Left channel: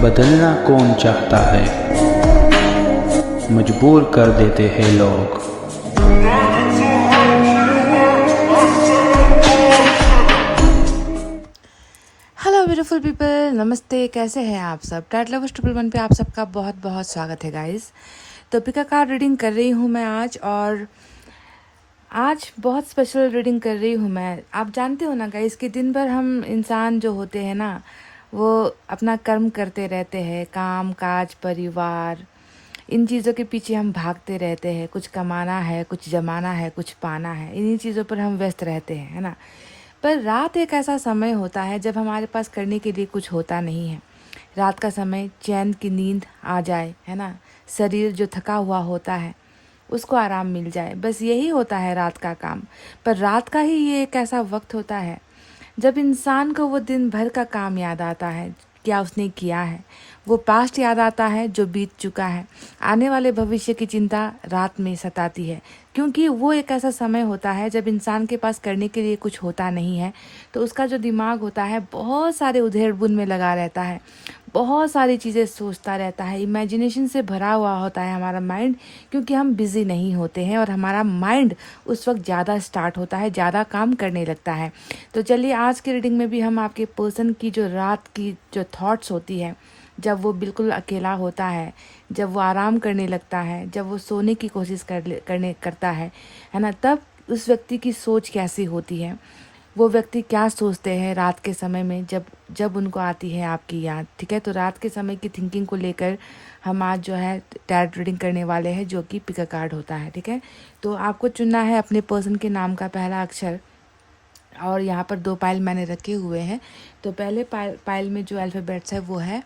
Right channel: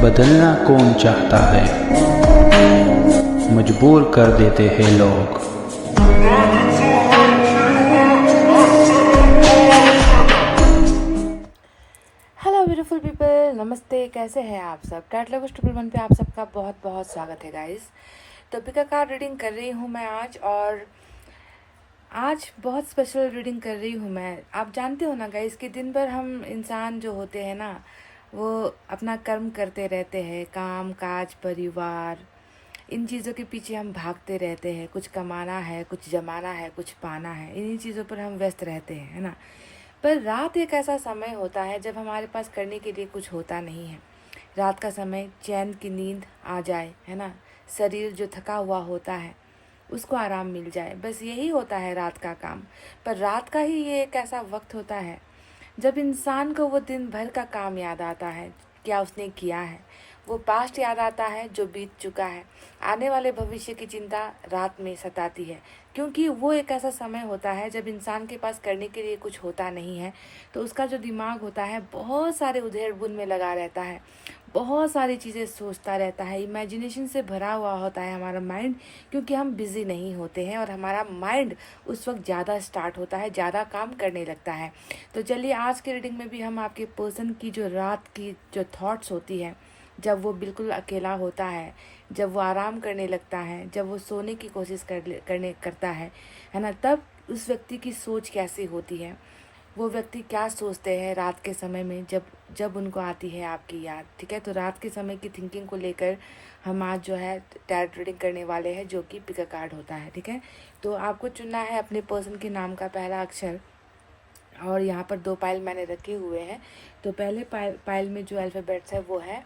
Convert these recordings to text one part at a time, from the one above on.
बदलना कौन चाहता है, मजबूर कर देते हैं लोग। हेलो ब्यूटीफुल पीपल, नमस्ते। कैसे हैं आप सब? टैट लवर्स 111 पे आप सबका बहुत बहुत स्वागत है गाइस। तो पिका कार्ड रीडिंग कर रही हूँ मैं आज, और आज बहुत स्पेशल रीडिंग कर रही हूँ मैं। आप जानते हो ना गाइस कि दिन भर हम इंसान जो होते हैं ना, वो अपना कर्म करते रहते हैं, काम काज परिवार, इन चीज़ों के पीछे हम भागते रहते हैं। कुछ कमाना है, कुछ जमाना है, कुछ पाना है, इन्हीं चीज़ों पर हम व्यस्त रहते हैं, है ना। पर रात एक ऐसा समय होता है जब हमारे पास करने के लिए कुछ होता नहीं है। रात का समय चैन की नींद आ जाए, है ना। शरीर जो थका हुआ होता है उसको आराम मिल जाए, बस यही होता है रात का काम। पर रात का ही ये एक ऐसा वक्त होता है जब इंसान को वो दिन भर का काम याद आता है, क्या उसने किया है। वो पास्ट याद आता है जो बीत चुका है। आने वाले भविष्य की चिंता रात में सताती है, क्योंकि वो एक ऐसा समय होता है जब इंसान के पास करने के लिए कुछ होता नहीं है। तो उसका जो दिमाग होता है बहुत सारे उधेड़-बुन में लगा रहता है, बहुत सारी चीज़ें सोचता रहता है, इमेजिनेशन से भरा हुआ होता है हमारा माइंड, क्योंकि हम बिज़ी नहीं होते हैं और हमारा माइंड उस वक्त ज़्यादा स्टार्ट होता है, ज़्यादा काम करने लगता है। तो चलिए आज की रीडिंग में भी हम आपके पर्सन की जो रात की जो थॉट्स होती है, जब वो बिल्कुल अकेला होता है, जब वो आराम करने लगता है, जब वो सोने की कोशिश करता है ना, तब उस व्यक्ति की सोच कैसी होती है, वो व्यक्ति क्या सोचते हैं रात के समय में जब जब उनको आती है आपकी याद। ठीक है, तो रात के समय की थिंकिंग को लेकर हम आज जो है टैरोट रीडिंग करने वाले हैं, जो कि पिक अ कार्ड होता है। ठीक है, तो आपको चुनना है अपने पर्सन के नाम का पहला अक्षर, और यहाँ पर 2 पाइल मैंने रखे हुए हैं। तो पहले पाइल में जो अल्फ़ाबेट्स है वो है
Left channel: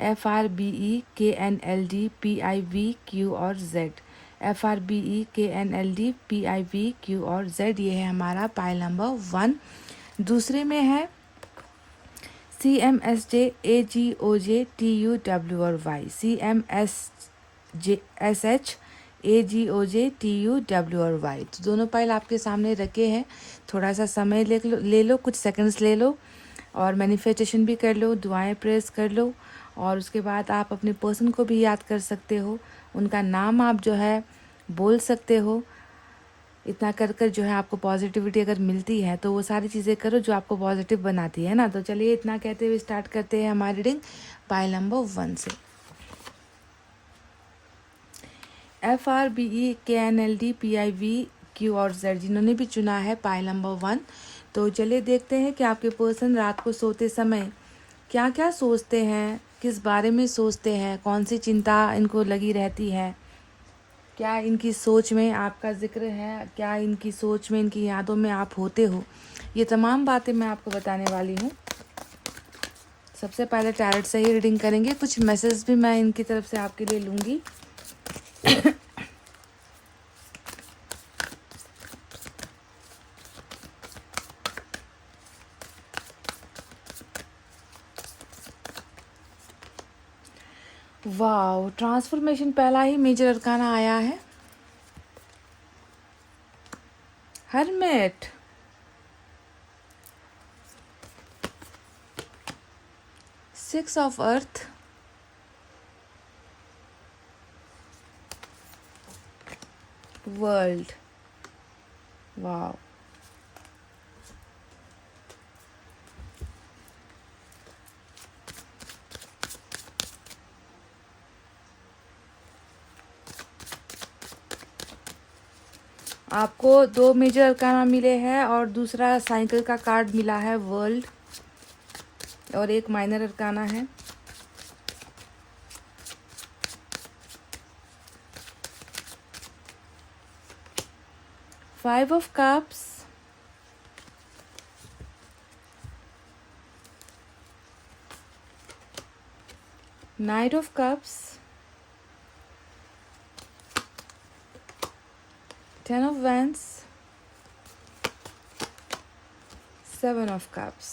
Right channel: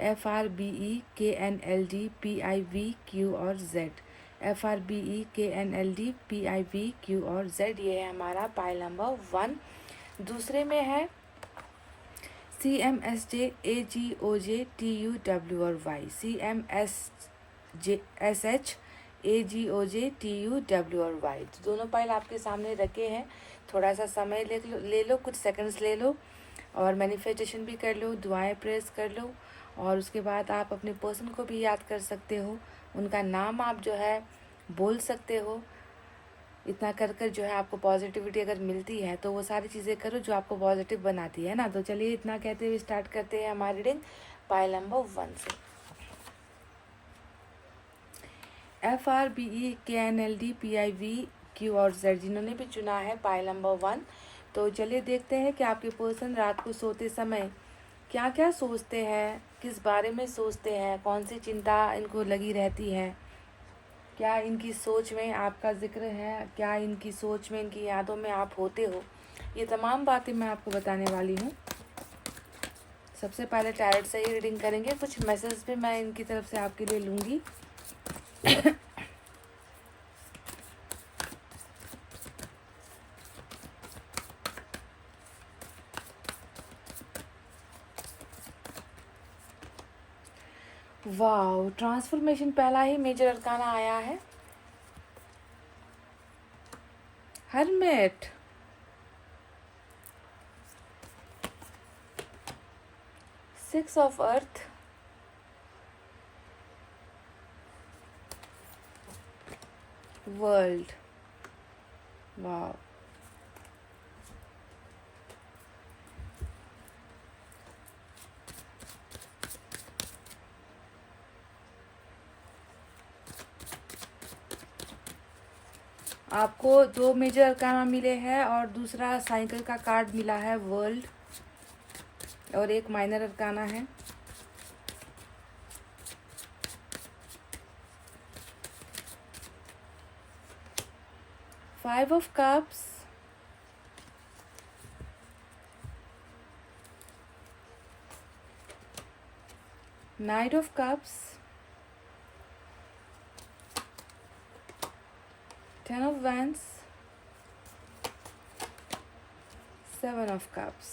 FRBEKNLDPIVQ और Z। FRBEKNLDPIVQ और Z, ये है हमारा पाइल नंबर 1। दूसरे में है CMSJAGOJTUW और Y। CMSJSHAGOJTUW और Y। तो दोनों पाइल आपके सामने रखे हैं। थोड़ा सा समय ले लो, कुछ सेकंड्स ले लो और मैनिफेस्टेशन भी कर लो, दुआएं प्रेस कर लो, और उसके बाद आप अपने पर्सन को भी याद कर सकते हो, उनका नाम आप जो है बोल सकते हो। इतना कर कर जो है आपको पॉजिटिविटी अगर मिलती है तो वो सारी चीज़ें करो जो आपको पॉजिटिव बनाती है ना। तो चलिए इतना कहते हुए स्टार्ट करते हैं हमारी रीडिंग पाइल नंबर 1 से। FRBEKNLDPIVQ और Z, जिन्होंने भी चुना है पाइल नंबर 1। तो चलिए देखते हैं कि आपके पर्सन रात को सोते समय क्या क्या सोचते हैं, किस बारे में सोचते हैं, कौन सी चिंता इनको लगी रहती है, क्या इनकी सोच में आपका जिक्र है, क्या इनकी सोच में, इनकी यादों में आप होते हो। ये तमाम बातें मैं आपको बताने वाली हूँ। सबसे पहले टैरोट से ही रीडिंग करेंगे, कुछ मैसेज भी मैं इनकी तरफ से आपके लिए लूँगी। वाओ, ट्रांसफॉर्मेशन पहला ही मेजर अरकाना आया है। Hermit, six of earth, world. Wow, आपको 2 मेजर अरकाना मिले हैं और दूसरा साइकिल का कार्ड मिला है, वर्ल्ड, और एक माइनर अरकाना है। Five of cups, night of cups, 10 of wands, 7 of cups।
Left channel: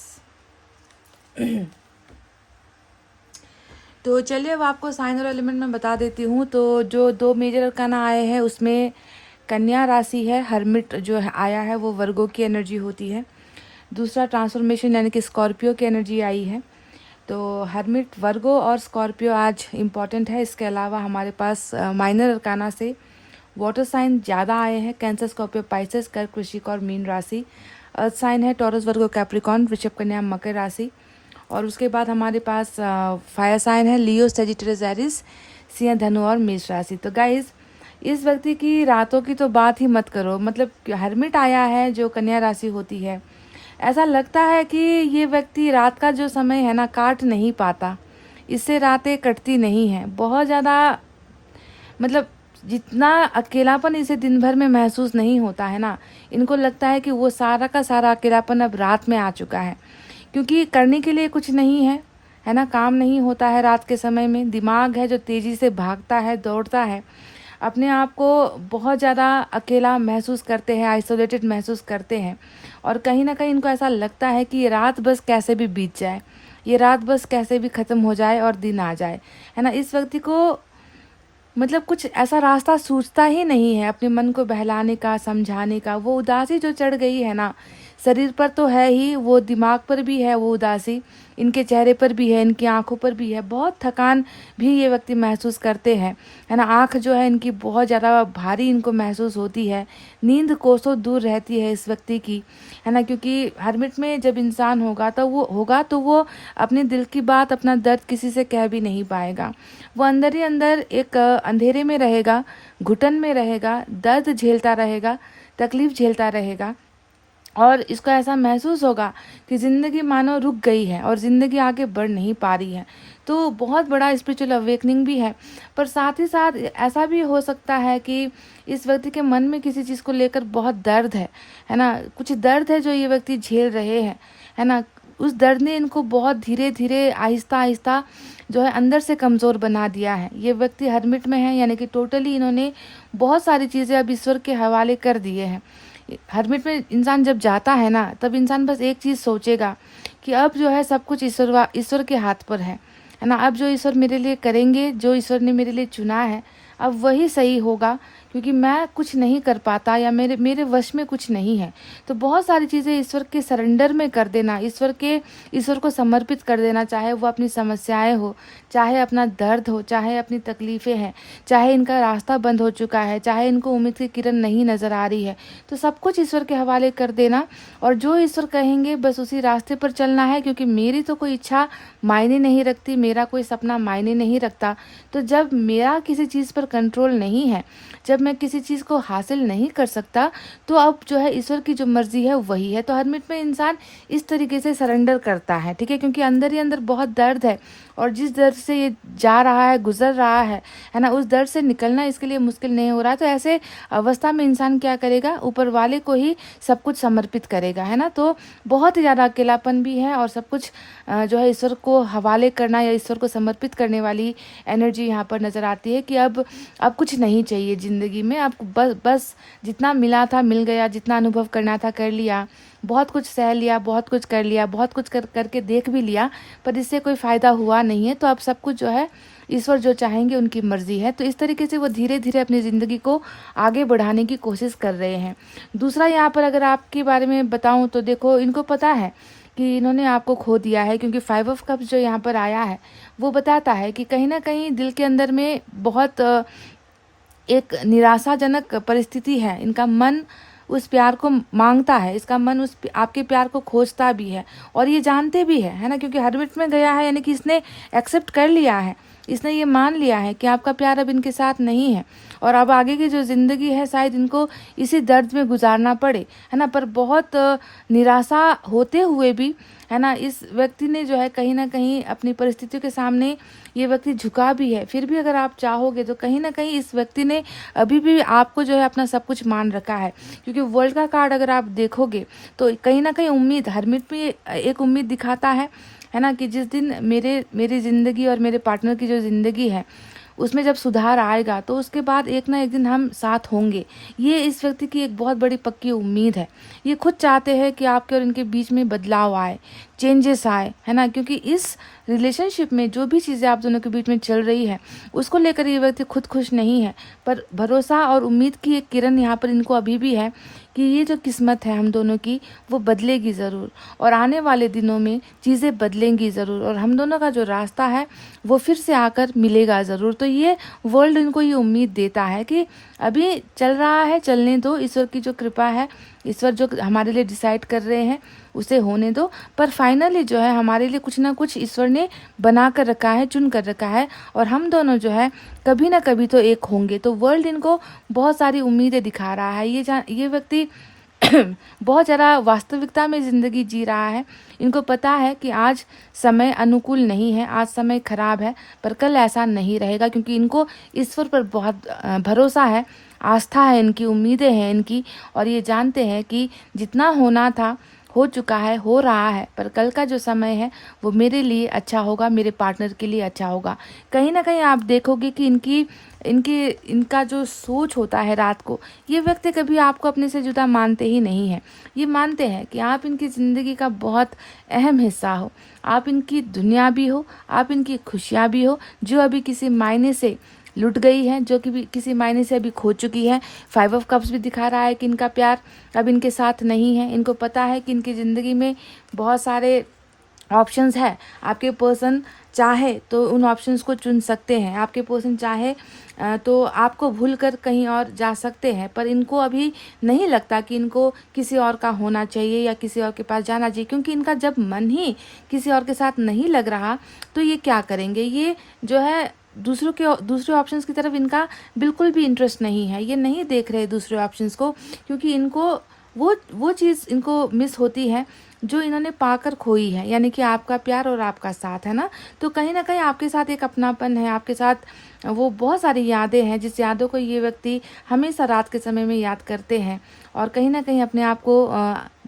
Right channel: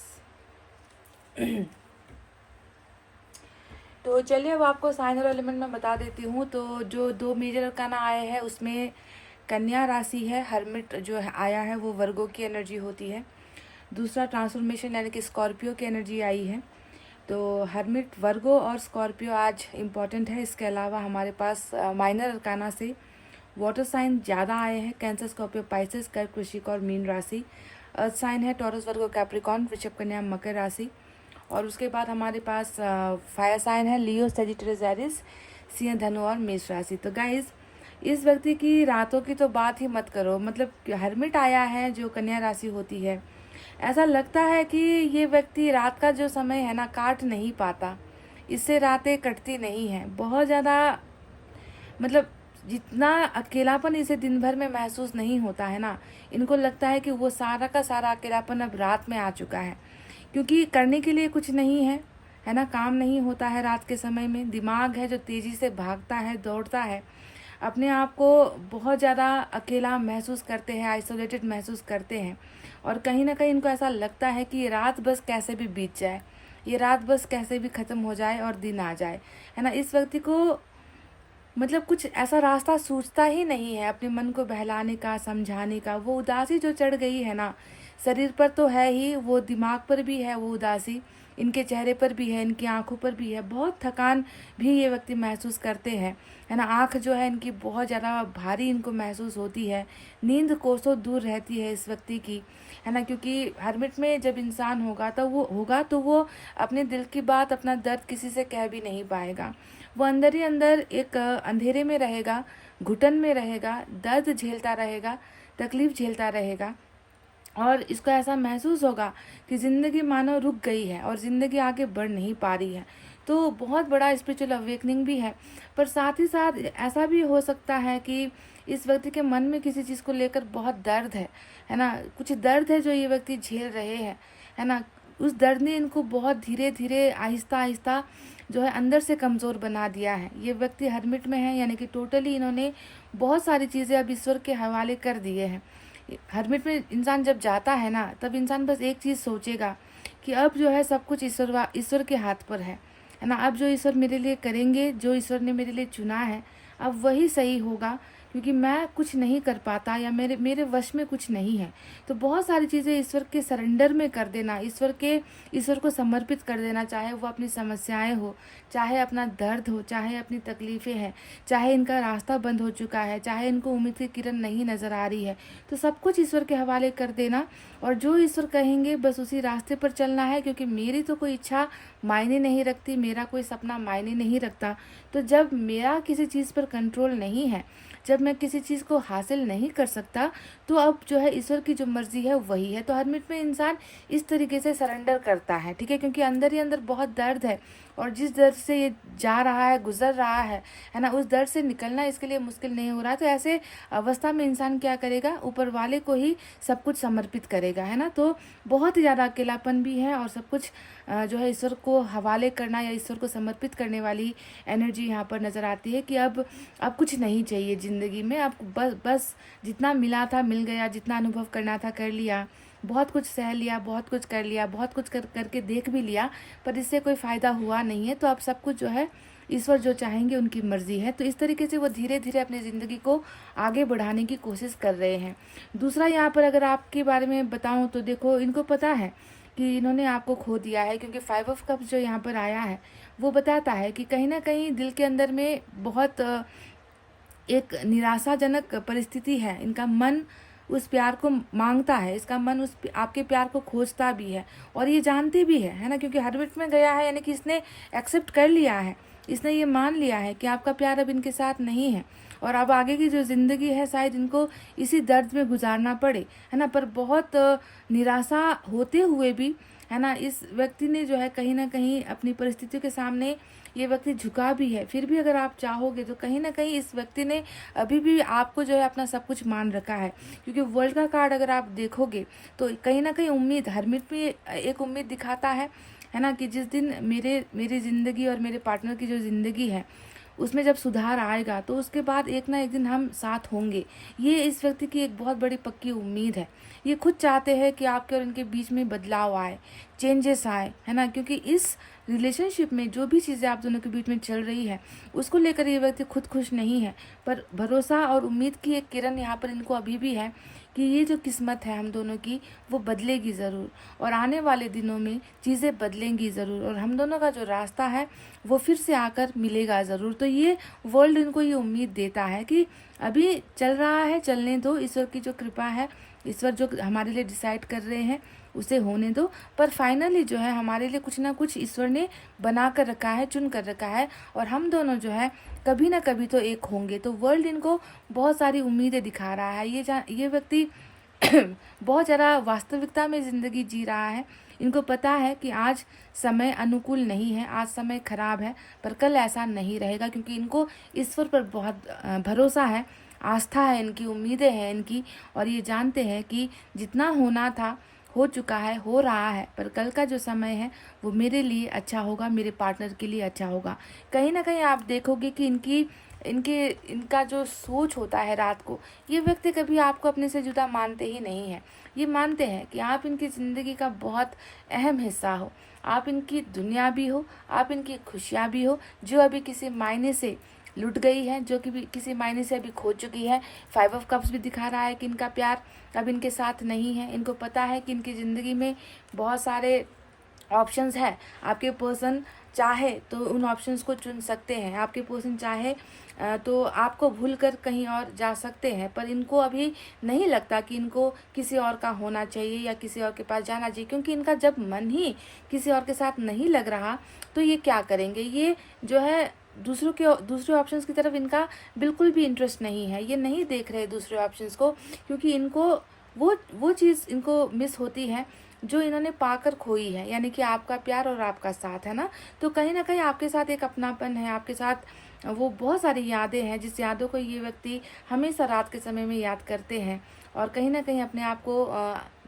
तो चलिए अब आपको साइन और एलिमेंट में बता देती हूँ। तो जो 2 मेजर अरकाना आए हैं उसमें कन्या राशि है, हर्मिट जो है आया है वो वर्गो की एनर्जी होती है। दूसरा ट्रांसफॉर्मेशन यानी कि स्कॉर्पियो की एनर्जी आई है। तो हर्मिट वर्गो और स्कॉर्पियो आज इम्पॉर्टेंट है। इसके अलावा हमारे पास माइनर अरकाना से वाटर साइन ज़्यादा आए हैं। कैंसर, स्कॉर्पियो, पाइसेस, कर्क, वृश्चिक और मीन राशि। अर्थ साइन है टॉरस, वर्गो, कैप्रिकॉर्न, वृषभ, कन्या, मकर राशि। और उसके बाद हमारे पास फायर साइन है लियो, सेजिटेरियस, एरिस, सिंह, धनु और मेष राशि। तो गाइज इस व्यक्ति की रातों की तो बात ही मत करो। मतलब हर्मिट आया है जो कन्या राशि होती है, ऐसा लगता है कि ये व्यक्ति रात का जो समय है ना काट नहीं पाता, इससे रातें कटती नहीं हैं। बहुत ज़्यादा मतलब जितना अकेलापन इसे दिन भर में महसूस नहीं होता है ना, इनको लगता है कि वो सारा का सारा अकेलापन अब रात में आ चुका है, क्योंकि करने के लिए कुछ नहीं है ना, काम नहीं होता है रात के समय में। दिमाग है जो तेज़ी से भागता है, दौड़ता है, अपने आप को बहुत ज़्यादा अकेला महसूस करते हैं, आइसोलेटेड महसूस करते हैं। और कहीं ना कहीं इनको ऐसा लगता है कि ये रात बस कैसे भी बीत जाए, ये रात बस कैसे भी ख़त्म हो जाए और दिन आ जाए, है ना। इस व्यक्ति को मतलब कुछ ऐसा रास्ता सूझता ही नहीं है अपने मन को बहलाने का, समझाने का। वो उदासी जो चढ़ गई है ना, शरीर पर तो है ही, वो दिमाग पर भी है वो उदासी, इनके चेहरे पर भी है, इनकी आंखों पर भी है। बहुत थकान भी ये व्यक्ति महसूस करते हैं, है ना। आंख जो है इनकी बहुत ज़्यादा भारी इनको महसूस होती है। नींद कोसों दूर रहती है इस व्यक्ति की, है ना, क्योंकि हर्मिट में जब इंसान होगा तो वो अपने दिल की बात, अपना दर्द किसी से कह भी नहीं पाएगा। वो अंदर ही अंदर एक अंधेरे में रहेगा, घुटन में रहेगा, दर्द झेलता रहेगा, तकलीफ़ झेलता रहेगा। और इसको ऐसा महसूस होगा कि ज़िंदगी मानो रुक गई है और ज़िंदगी आगे बढ़ नहीं पा रही है। तो बहुत बड़ा स्पिरिचुअल अवेकनिंग भी है, पर साथ ही साथ ऐसा भी हो सकता है कि इस व्यक्ति के मन में किसी चीज़ को लेकर बहुत दर्द है ना। कुछ दर्द है जो ये व्यक्ति झेल रहे हैं, है ना। उस दर्द ने इनको बहुत धीरे धीरे, आहिस्ता आहिस्ता जो है अंदर से कमज़ोर बना दिया है। ये व्यक्ति हर्मिट में है, यानी कि टोटली इन्होंने बहुत सारी चीज़ें अब ईश्वर के हवाले कर दिए हैं। हर्मिट में इंसान जब जाता है ना, तब इंसान बस एक चीज़ सोचेगा कि अब जो है सब कुछ ईश्वर के हाथ पर है ना। अब जो ईश्वर मेरे लिए करेंगे, जो ईश्वर ने मेरे लिए चुना है, अब वही सही होगा, क्योंकि मैं कुछ नहीं कर पाता या मेरे वश में कुछ नहीं है। तो बहुत सारी चीज़ें ईश्वर के सरेंडर में कर देना, ईश्वर को समर्पित कर देना, चाहे वो अपनी समस्याएं हो, चाहे अपना दर्द हो, चाहे अपनी तकलीफ़ें हैं, चाहे इनका रास्ता बंद हो चुका है, चाहे इनको उम्मीद की किरण नहीं नज़र आ रही है, तो सब कुछ ईश्वर के हवाले कर देना। और जो ईश्वर कहेंगे बस उसी रास्ते पर चलना है, क्योंकि मेरी तो कोई इच्छा मायने नहीं रखती, मेरा कोई सपना मायने नहीं रखता। तो जब मेरा किसी चीज़ पर कंट्रोल नहीं है, जब मैं किसी चीज़ को हासिल नहीं कर सकता, तो अब जो है ईश्वर की जो मर्ज़ी है वही है। तो हर्मिट में इंसान इस तरीके से सरेंडर करता है, ठीक है, क्योंकि अंदर ही अंदर बहुत दर्द है, और जिस दर्द से ये जा रहा है, गुजर रहा है ना, उस दर्द से निकलना इसके लिए मुश्किल नहीं हो रहा है। तो ऐसे अवस्था में इंसान क्या करेगा, ऊपर वाले को ही सब कुछ समर्पित करेगा, है ना। तो बहुत ही ज़्यादा अकेलापन भी है, और सब कुछ जो है ईश्वर को हवाले करना या ईश्वर को समर्पित करने वाली एनर्जी यहाँ पर नज़र आती है कि अब कुछ नहीं चाहिए ज़िंदगी में। आपको बस जितना मिला था मिल गया, जितना अनुभव करना था कर लिया, बहुत कुछ सह लिया, बहुत कुछ कर लिया, बहुत कुछ करके देख भी लिया, पर इससे कोई फ़ायदा हुआ नहीं है। तो अब सब कुछ जो है ईश्वर जो चाहेंगे उनकी मर्ज़ी है। तो इस तरीके से वो धीरे धीरे अपनी ज़िंदगी को आगे बढ़ाने की कोशिश कर रहे हैं। दूसरा यहाँ पर अगर आपके बारे में बताऊँ तो देखो, इनको पता है कि इन्होंने आपको खो दिया है, क्योंकि 5 ऑफ कप्स जो यहाँ पर आया है वो बताता है कि कहीं ना कहीं दिल के अंदर में बहुत एक निराशाजनक परिस्थिति है। इनका मन उस प्यार को मांगता है, इसका मन आपके प्यार को खोजता भी है, और ये जानते भी है ना, क्योंकि हर्मिट में गया है, यानी कि इसने एक्सेप्ट कर लिया है, इसने ये मान लिया है कि आपका प्यार अब इनके साथ नहीं है, और अब आगे की जो ज़िंदगी है शायद इनको इसी दर्द में गुजारना पड़े, है ना। पर बहुत निराशा होते हुए भी, है ना, इस व्यक्ति ने जो है कहीं ना कहीं अपनी परिस्थितियों के सामने ये व्यक्ति झुका भी है। फिर भी अगर आप चाहोगे तो कहीं ना कहीं इस व्यक्ति ने अभी भी आपको जो है अपना सब कुछ मान रखा है, क्योंकि वर्ल्ड का कार्ड अगर आप देखोगे तो कहीं ना कहीं उम्मीद, हर्मिट में एक उम्मीद दिखाता है ना, कि जिस दिन मेरी ज़िंदगी और मेरे पार्टनर की जो ज़िंदगी है उसमें जब सुधार आएगा तो उसके बाद एक ना एक दिन हम साथ होंगे। ये इस व्यक्ति की एक बहुत बड़ी पक्की उम्मीद है। ये खुद चाहते हैं कि आपके और इनके बीच में बदलाव आए, चेंजेस आए, है ना, क्योंकि इस रिलेशनशिप में जो भी चीज़ें आप दोनों के बीच में चल रही है उसको लेकर ये व्यक्ति खुद खुश नहीं है, पर भरोसा और उम्मीद की एक किरण यहाँ पर इनको अभी भी है कि ये जो किस्मत है हम दोनों की वो बदलेगी ज़रूर, और आने वाले दिनों में चीज़ें बदलेंगी ज़रूर, और हम दोनों का जो रास्ता है वो फिर से आकर मिलेगा ज़रूर। तो ये वर्ल्ड इनको ये उम्मीद देता है कि अभी चल रहा है, चलने दो, ईश्वर की जो कृपा है, ईश्वर जो हमारे लिए डिसाइड कर रहे हैं उसे होने दो, पर फाइनली जो है हमारे लिए कुछ ना कुछ ईश्वर ने बना कर रखा है, चुन कर रखा है, और हम दोनों जो है कभी ना कभी तो एक होंगे। तो वर्ल्ड इनको बहुत सारी उम्मीदें दिखा रहा है। ये व्यक्ति बहुत ज़्यादा वास्तविकता में ज़िंदगी जी रहा है। इनको पता है कि आज समय अनुकूल नहीं है, आज समय खराब है, पर कल ऐसा नहीं रहेगा, क्योंकि इनको ईश्वर पर बहुत भरोसा है, आस्था है, इनकी उम्मीदें हैं इनकी, और ये जानते हैं कि जितना होना था हो चुका है, हो रहा है, पर कल का जो समय है वो मेरे लिए अच्छा होगा, मेरे पार्टनर के लिए अच्छा होगा। कहीं ना कहीं आप देखोगे कि इनका जो सोच होता है रात को, ये व्यक्ति कभी आपको अपने से जुदा मानते ही नहीं है। ये मानते हैं कि आप इनकी ज़िंदगी का बहुत अहम हिस्सा हो, आप इनकी दुनिया भी हो, आप इनकी खुशियाँ भी हो, जो अभी किसी मायने से लुट गई है, जो कि भी किसी मायने से अभी खो चुकी है। 5 ऑफ कप्स भी दिखा रहा है कि इनका प्यार अब इनके साथ नहीं है। इनको पता है कि इनकी ज़िंदगी में बहुत सारे ऑप्शंस है। आपके पर्सन चाहे तो उन ऑप्शंस को चुन सकते हैं, आपके पर्सन चाहे तो आपको भूल कर कहीं और जा सकते हैं, पर इनको अभी नहीं लगता कि इनको किसी और का होना चाहिए या किसी और के पास जाना चाहिए, क्योंकि इनका जब मन ही किसी और के साथ नहीं लग रहा तो ये क्या करेंगे। ये जो है दूसरे ऑप्शंस की तरफ इनका बिल्कुल भी इंटरेस्ट नहीं है। ये नहीं देख रहे दूसरे ऑप्शंस को, क्योंकि इनको वो चीज़ इनको मिस होती है जो इन्होंने पाकर खोई है, यानी कि आपका प्यार और आपका साथ, है ना। तो कहीं ना कहीं आपके साथ एक अपनापन है, आपके साथ वो बहुत सारी यादें हैं, जिस यादों को ये व्यक्ति हमेशा रात के समय में याद करते हैं, और कहीं ना कहीं अपने आप को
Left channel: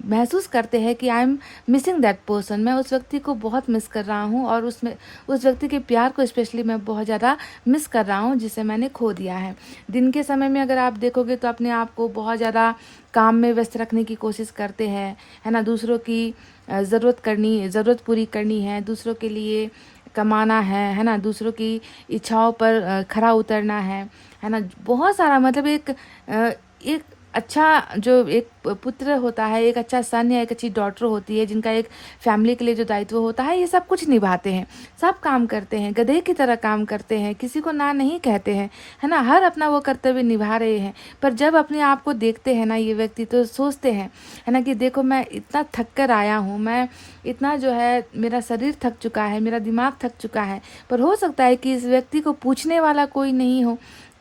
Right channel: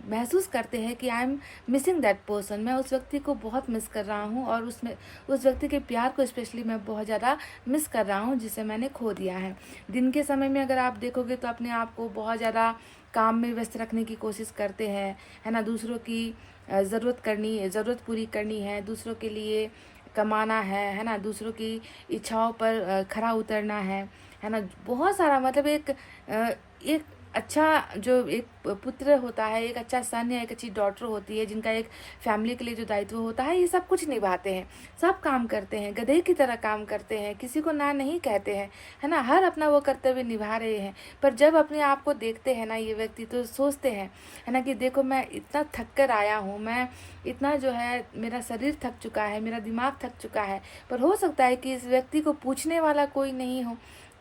महसूस करते हैं कि I am missing that person, मैं उस व्यक्ति को बहुत मिस कर रहा हूँ, और उस व्यक्ति के प्यार को स्पेशली मैं बहुत ज़्यादा मिस कर रहा हूँ, जिसे मैंने खो दिया है। दिन के समय में अगर आप देखोगे तो अपने आप को बहुत ज़्यादा काम में व्यस्त रखने की कोशिश करते हैं, है ना। दूसरों की ज़रूरत पूरी करनी है, दूसरों के लिए कमाना है ना, दूसरों की इच्छाओं पर खरा उतरना है ना। बहुत सारा मतलब एक अच्छा जो एक पुत्र होता है, एक अच्छा सन या एक अच्छी डॉटर होती है, जिनका एक फैमिली के लिए जो दायित्व होता है, ये सब कुछ निभाते हैं, सब काम करते हैं, गधे की तरह काम करते हैं, किसी को ना नहीं कहते हैं, है ना। हर अपना वो कर्तव्य निभा रहे हैं, पर जब अपने आप को देखते हैं ना ये व्यक्ति, तो सोचते हैं, है ना, कि देखो मैं इतना थक कर आया हूँ, मैं इतना जो है मेरा शरीर थक चुका है, मेरा दिमाग थक चुका है, पर हो सकता है कि इस व्यक्ति को पूछने वाला कोई नहीं हो,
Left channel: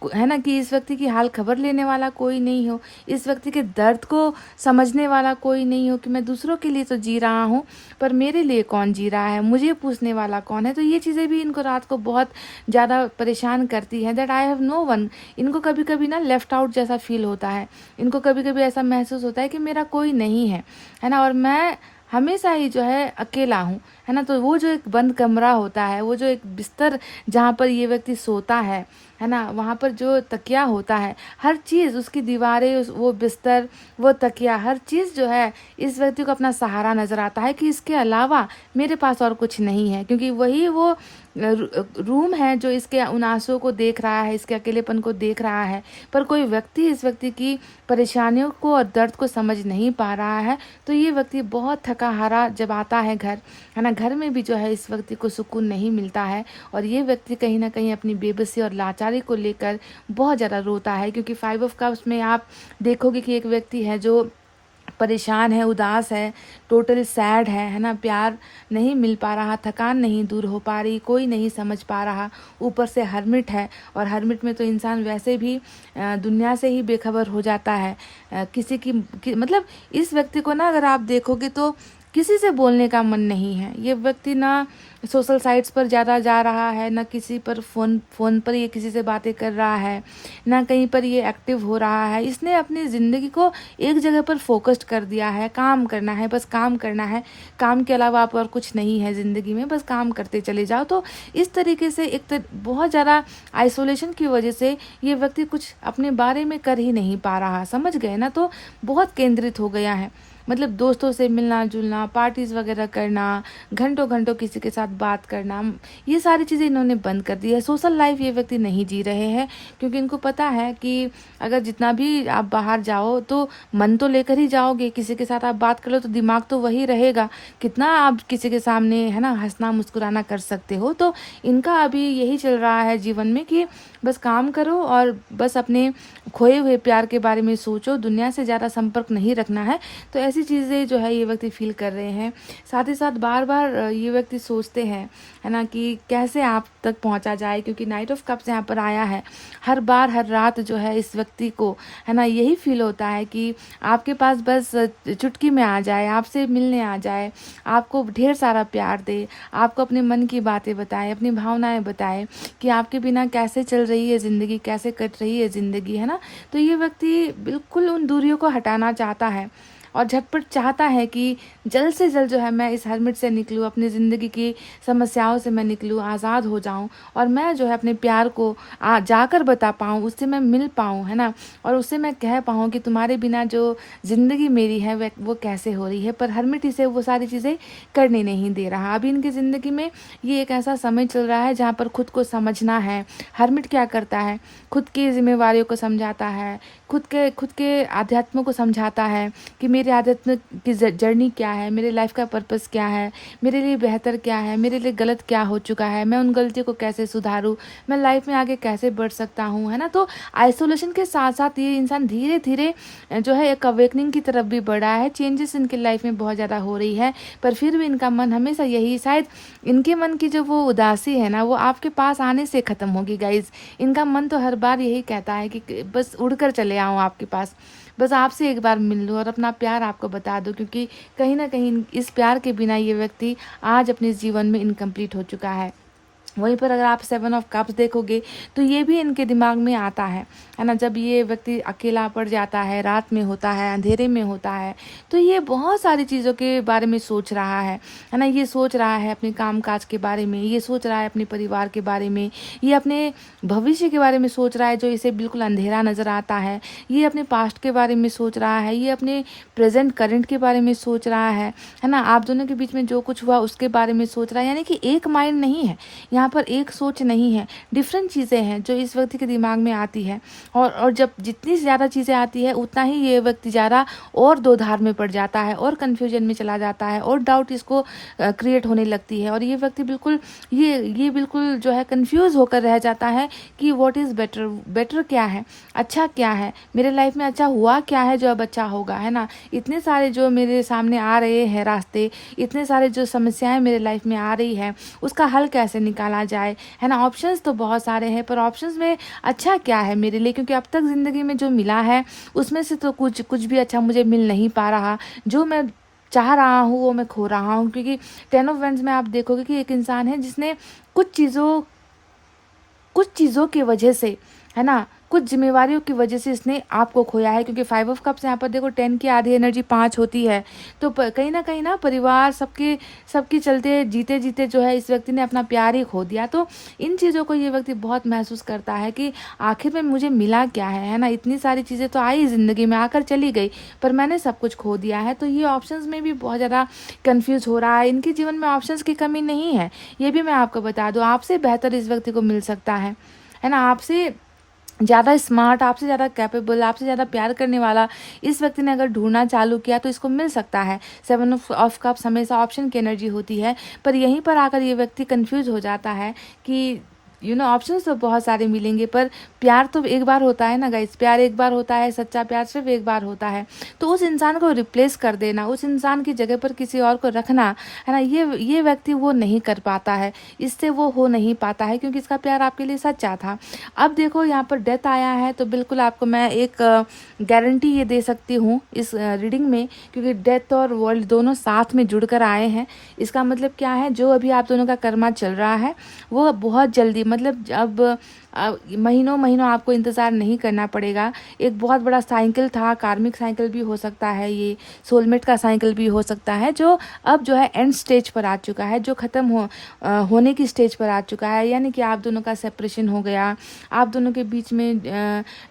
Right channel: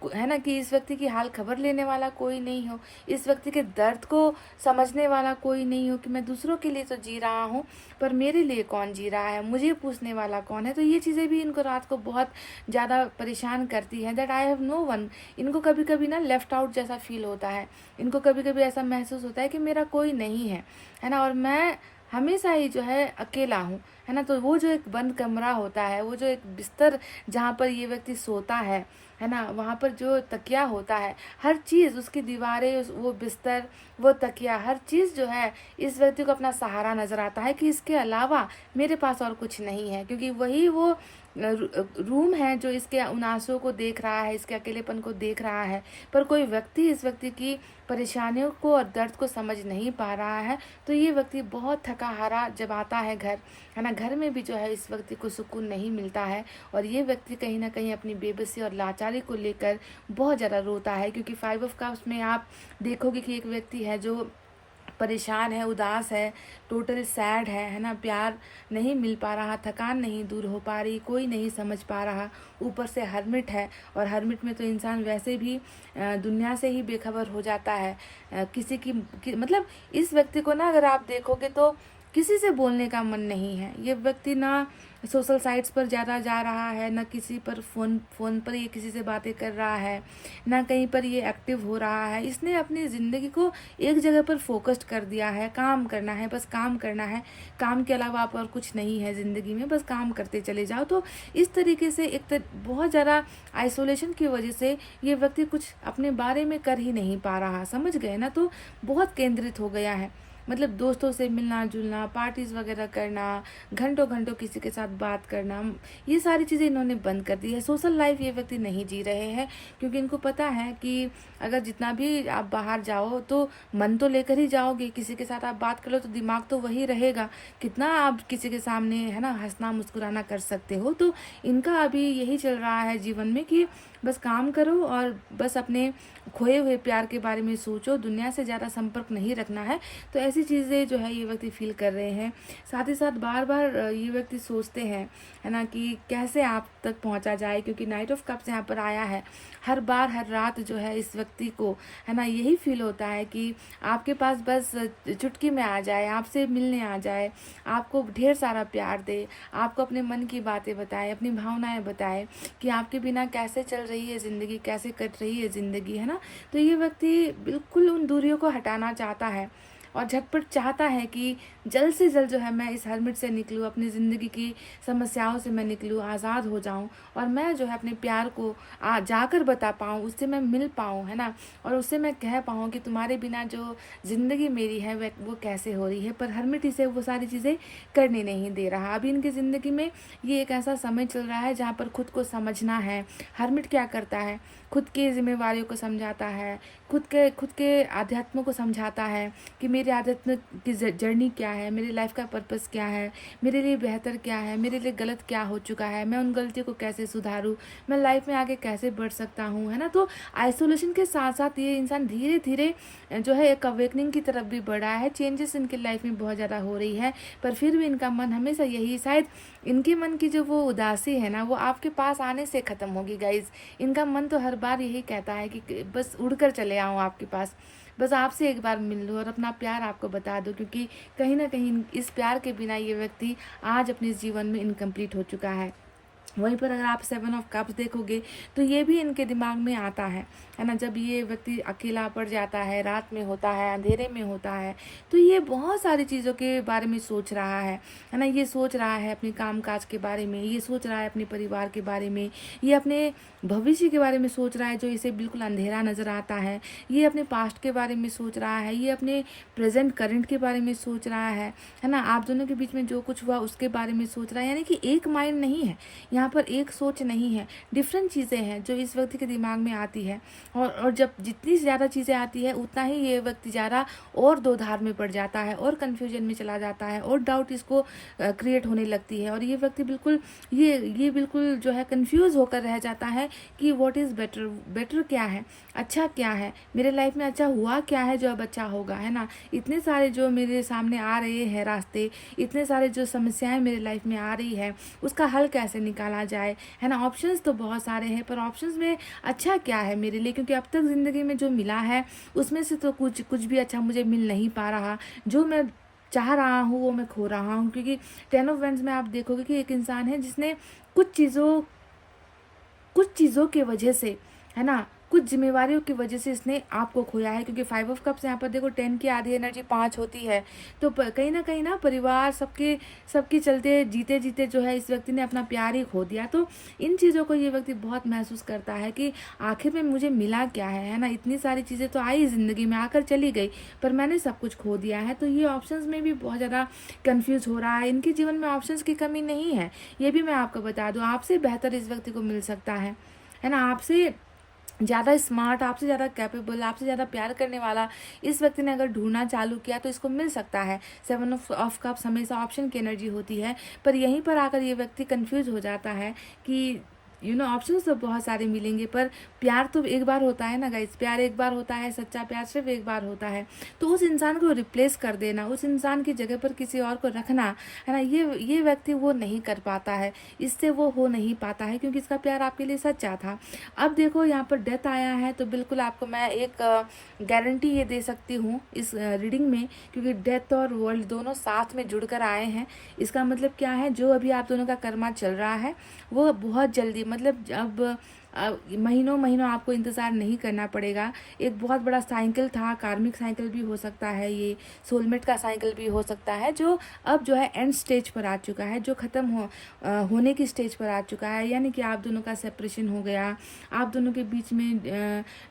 है ना, कि इस व्यक्ति की हाल खबर लेने वाला कोई नहीं हो, इस व्यक्ति के दर्द को समझने वाला कोई नहीं हो, कि मैं दूसरों के लिए तो जी रहा हूँ, पर मेरे लिए कौन जी रहा है, मुझे पूछने वाला कौन है। तो ये चीज़ें भी इनको रात को बहुत ज़्यादा परेशान करती हैं, that I have no one. इनको कभी कभी ना लेफ्ट आउट जैसा फील होता है, इनको कभी कभी ऐसा महसूस होता है कि मेरा कोई नहीं है ना, और मैं हमेशा ही जो है अकेला हूँ, है ना। तो वो जो एक बंद कमरा होता है, वो जो एक बिस्तर जहाँ पर ये व्यक्ति सोता है ना, वहाँ पर जो तकिया होता है, हर चीज़, उसकी दीवारें, वो बिस्तर, वो तकिया, हर चीज़ जो है इस व्यक्ति को अपना सहारा नज़र आता है, कि इसके अलावा मेरे पास और कुछ नहीं है, क्योंकि वही वो रूम है जो इसके उन आंसुओं को देख रहा है, इसके अकेलेपन को देख रहा है, पर कोई व्यक्ति इस व्यक्ति की परेशानियों को और दर्द को समझ नहीं पा रहा है। तो ये व्यक्ति बहुत थका हारा जब आता है घर, है ना, घर में भी जो है इस व्यक्ति को सुकून नहीं मिलता है, और ये व्यक्ति कहीं ना कहीं अपनी बेबसी और लाचारी को लेकर बहुत ज़्यादा रोता है, क्योंकि 5 ऑफ कप्स में आप देखोगे कि एक व्यक्ति है जो परेशान है, उदास है, टोटली सैड है ना, प्यार नहीं मिल पा रहा, थकान नहीं दूर हो पा रही, कोई नहीं समझ पा रहा, ऊपर से हर्मिट है, और हर्मिट में तो इंसान वैसे भी दुनिया से ही बेखबर हो जाता है। मतलब इस व्यक्ति को ना अगर आप देखोगे तो किसी से बोलने का मन नहीं है। ये व्यक्ति ना सोशल साइट्स पर ज़्यादा जा रहा है, ना किसी पर फ़ोन पर ये किसी से बातें कर रहा है, ना कहीं पर ये एक्टिव हो रहा है। इसने अपनी ज़िंदगी को एक जगह पर फोकस्ड कर दिया है, काम करना है, बस काम करना है, काम के अलावा आप और कुछ नहीं है ज़िंदगी में, बस काम करते चले जाओ। तो इस तरीके से बहुत ज़्यादा आइसोलेशन की वजह से ये व्यक्ति कुछ अपने बारे में कर ही नहीं पा रहा, समझ गए ना। तो बहुत केंद्रित हो गया है, मतलब दोस्तों से मिलना जुलना, पार्टीज़ वगैरह करना, घंटों घंटों किसी के साथ बात करना, ये सारी चीज़ें इन्होंने बंद कर दी है। सोशल लाइफ ये व्यक्ति नहीं जी रहे हैं, क्योंकि इनको पता है कि अगर जितना भी आप बाहर जाओ तो मन तो लेकर ही जाओगे, किसी के साथ आप बात कर लो तो दिमाग तो वही रहेगा, कितना आप किसी के सामने है ना हंसना मुस्कुराना कर सकते हो। तो इनका अभी यही चल रहा है जीवन में कि बस काम करो और बस अपने खोए हुए प्यार के बारे में सोचो, दुनिया से ज़्यादा संपर्क नहीं रखना है। तो ऐसी चीज़ें जो है ये व्यक्ति फील कर रहे हैं। साथ ही साथ बार बार ये व्यक्ति सोचते हैं है ना कि कैसे आप तक पहुंचा जाए, क्योंकि नाइट ऑफ कप्स यहाँ पर आया है। हर बार हर रात जो है इस व्यक्ति को है ना यही फील होता है कि आपके पास बस चुटकी में आ जाए, आपसे मिलने आ जाए, आपको ढेर सारा प्यार दे, आपको अपने मन की बातें बताएं, अपनी भावनाएं बताएं कि आपके बिना कैसे चल रही है ज़िंदगी, कैसे कट रही है ज़िंदगी, है ना। तो ये व्यक्ति बिल्कुल उन दूरियों को हटाना चाहता है और झटपट चाहता है कि जल्द से जल्द जो है मैं इस हर्मिट से निकलूँ, अपनी ज़िंदगी की समस्याओं से मैं निकलूँ, आज़ाद हो जाऊँ और मैं जो है अपने प्यार को जाकर बता पाऊँ, उससे मैं मिल पाऊँ, है ना, और उससे मैं कह पाऊँ कि तुम्हारे बिना जो ज़िंदगी मेरी है वो कैसे हो रही है। पर हर्मिट इसे वो सारी चीज़ें करने नहीं दे रहा। अभी इनकी ज़िंदगी में ये एक ऐसा समय चल रहा है जहाँ पर खुद को समझना है। हर्मिट क्या करता है, खुद की जिम्मेवारियों को समझाता है, खुद के आध्यात्म को समझाता है कि मेरे आध्यात्म की जर्नी क्या है, मेरे लाइफ का पर्पस क्या है, मेरे लिए बेहतर क्या है, मेरे लिए गलत क्या हो चुका है, मैं उन गलतियों को कैसे सुधारूं, मैं लाइफ में आगे कैसे बढ़ सकता हूं, है ना। तो आइसोलेशन के साथ साथ ये इंसान धीरे धीरे जो है एक अवेकनिंग की तरफ भी बढ़ा है। चेंजेस इनके लाइफ में बहुत ज़्यादा हो रही है, पर फिर भी इनका मन हमेशा यही, शायद इनके मन की जो वो उदासी है ना वो आपके पास आने से ख़त्म होगी गाइज। इनका मन तो हर बार यही कहता है कि बस उड़कर चले आऊँ आपके पास, बस आपसे एक बार मिल लूँ और अपना प्यार आपको बता दूँ, क्योंकि कहीं ना कहीं इस प्यार के बिना ये व्यक्ति आज अपने जीवन में इनकम्प्लीट हो चुका है। वहीं पर अगर आप 7 ऑफ कप्स देखोगे तो ये भी इनके दिमाग में आता है ना। जब ये व्यक्ति अकेला पड़ जाता है, रात में होता है, अंधेरे में होता है, तो ये बहुत सारी चीज़ों के बारे में सोच रहा है ना। ये सोच रहा है अपने काम काज के बारे में, ये सोच रहा है अपने परिवार के बारे में, ये अपने भविष्य के बारे में सोच रहा है जो इसे बिल्कुल अंधेरा नज़र आता है, ये अपने पास्ट के बारे में सोच रहा है, ये अपने प्रेजेंट करंट के बारे में सोच रहा है ना। आप दोनों के बीच में जो कुछ हुआ उसके बारे में सोच रहा है, यानी कि एक माइंड नहीं है यहाँ पर, एक सोच नहीं है, डिफरेंट चीज़ें हैं जो इस व्यक्ति के दिमाग में आती है। और जब जितनी ज़्यादा चीज़ें आती है उतना ही ये व्यक्ति ज़्यादा और दो धार में पड़ जाता है और कन्फ्यूजन में चला जाता है और डाउट इसको क्रिएट होने लगती है। और ये व्यक्ति बिल्कुल ये बिल्कुल जो है कन्फ्यूज़ होकर रह जाता है कि व्हाट इज़ बेटर, बेटर क्या है, अच्छा क्या है, मेरे लाइफ में अच्छा हुआ क्या है जो अब अच्छा होगा, है ना। इतने सारे जो मेरे सामने आ रहे हैं रास्ते, इतने सारे जो समस्याएं मेरे लाइफ में आ रही है, उसका हल कैसे निकाला जाए, है ना। ऑप्शंस तो बहुत सारे हैं, पर ऑप्शंस में अच्छा क्या है मेरे लिए, क्योंकि अब तक ज़िंदगी में जो मिला है उसमें से तो कुछ भी अच्छा मुझे मिल नहीं पा रहा। जो मैं चाह रहा हूँ वो मैं खो रहा हूँ, क्योंकि 10 ऑफ वैंड्स में आप देखोगे कि एक इंसान है जिसने कुछ चीज़ों की वजह से, है ना, कुछ जिम्मेवारियों की वजह से इसने आपको खोया है। क्योंकि 5 ऑफ कप्स यहाँ पर देखो 10 की आधी एनर्जी 5 होती है, तो कहीं ना परिवार सबके चलते जीते जीते जो है इस व्यक्ति ने अपना प्यार ही खो दिया। तो इन चीज़ों को ये व्यक्ति बहुत महसूस करता है कि आखिर में मुझे मिला क्या है ना। इतनी सारी चीज़ें तो आई ज़िंदगी में, आकर चली गई, पर मैंने सब कुछ खो दिया है। तो ये ऑप्शंस में भी बहुत ज़्यादा कन्फ्यूज़ हो रहा है। इनके जीवन में ऑप्शंस की कमी नहीं है, ये भी मैं आपको बता दूँ। आपसे बेहतर इस व्यक्ति को मिल सकता है ना। आपसे ज़्यादा स्मार्ट, आपसे ज़्यादा कैपेबल, आपसे ज़्यादा प्यार करने वाला इस व्यक्ति ने अगर ढूंढना चालू किया तो इसको मिल सकता है। 7 ऑफ कप्स हमेशा ऑप्शन की एनर्जी होती है, पर यहीं पर आकर ये व्यक्ति कंफ्यूज हो जाता है कि ऑप्शंस तो बहुत सारे मिलेंगे, पर प्यार तो एक बार होता है ना गाइस, प्यार एक बार होता है, सच्चा प्यार सिर्फ एक बार होता है। तो उस इंसान को रिप्लेस कर देना, उस इंसान की जगह पर किसी और को रखना, है ना, ये व्यक्ति वो नहीं कर पाता है, इससे वो हो नहीं पाता है, क्योंकि इसका प्यार आपके लिए सच्चा था। अब देखो यहाँ पर डेथ आया है, तो बिल्कुल आपको मैं एक गारंटी ये दे सकती हूँ इस रीडिंग में, क्योंकि डेथ और वर्ल्ड दोनों साथ में जुड़कर आए हैं। इसका मतलब क्या है, जो अभी आप दोनों का कर्मा चल रहा है वो बहुत जल्दी, मतलब अब महीनों महीनों आपको इंतज़ार नहीं करना पड़ेगा। एक बहुत बड़ा साइकिल था, कार्मिक साइकिल भी हो सकता है, ये सोलमेट का साइकिल भी हो सकता है, जो अब जो है एंड स्टेज पर आ चुका है, जो ख़त्म होने की स्टेज पर आ चुका है। यानी कि आप दोनों का सेपरेशन हो गया, आप दोनों के बीच में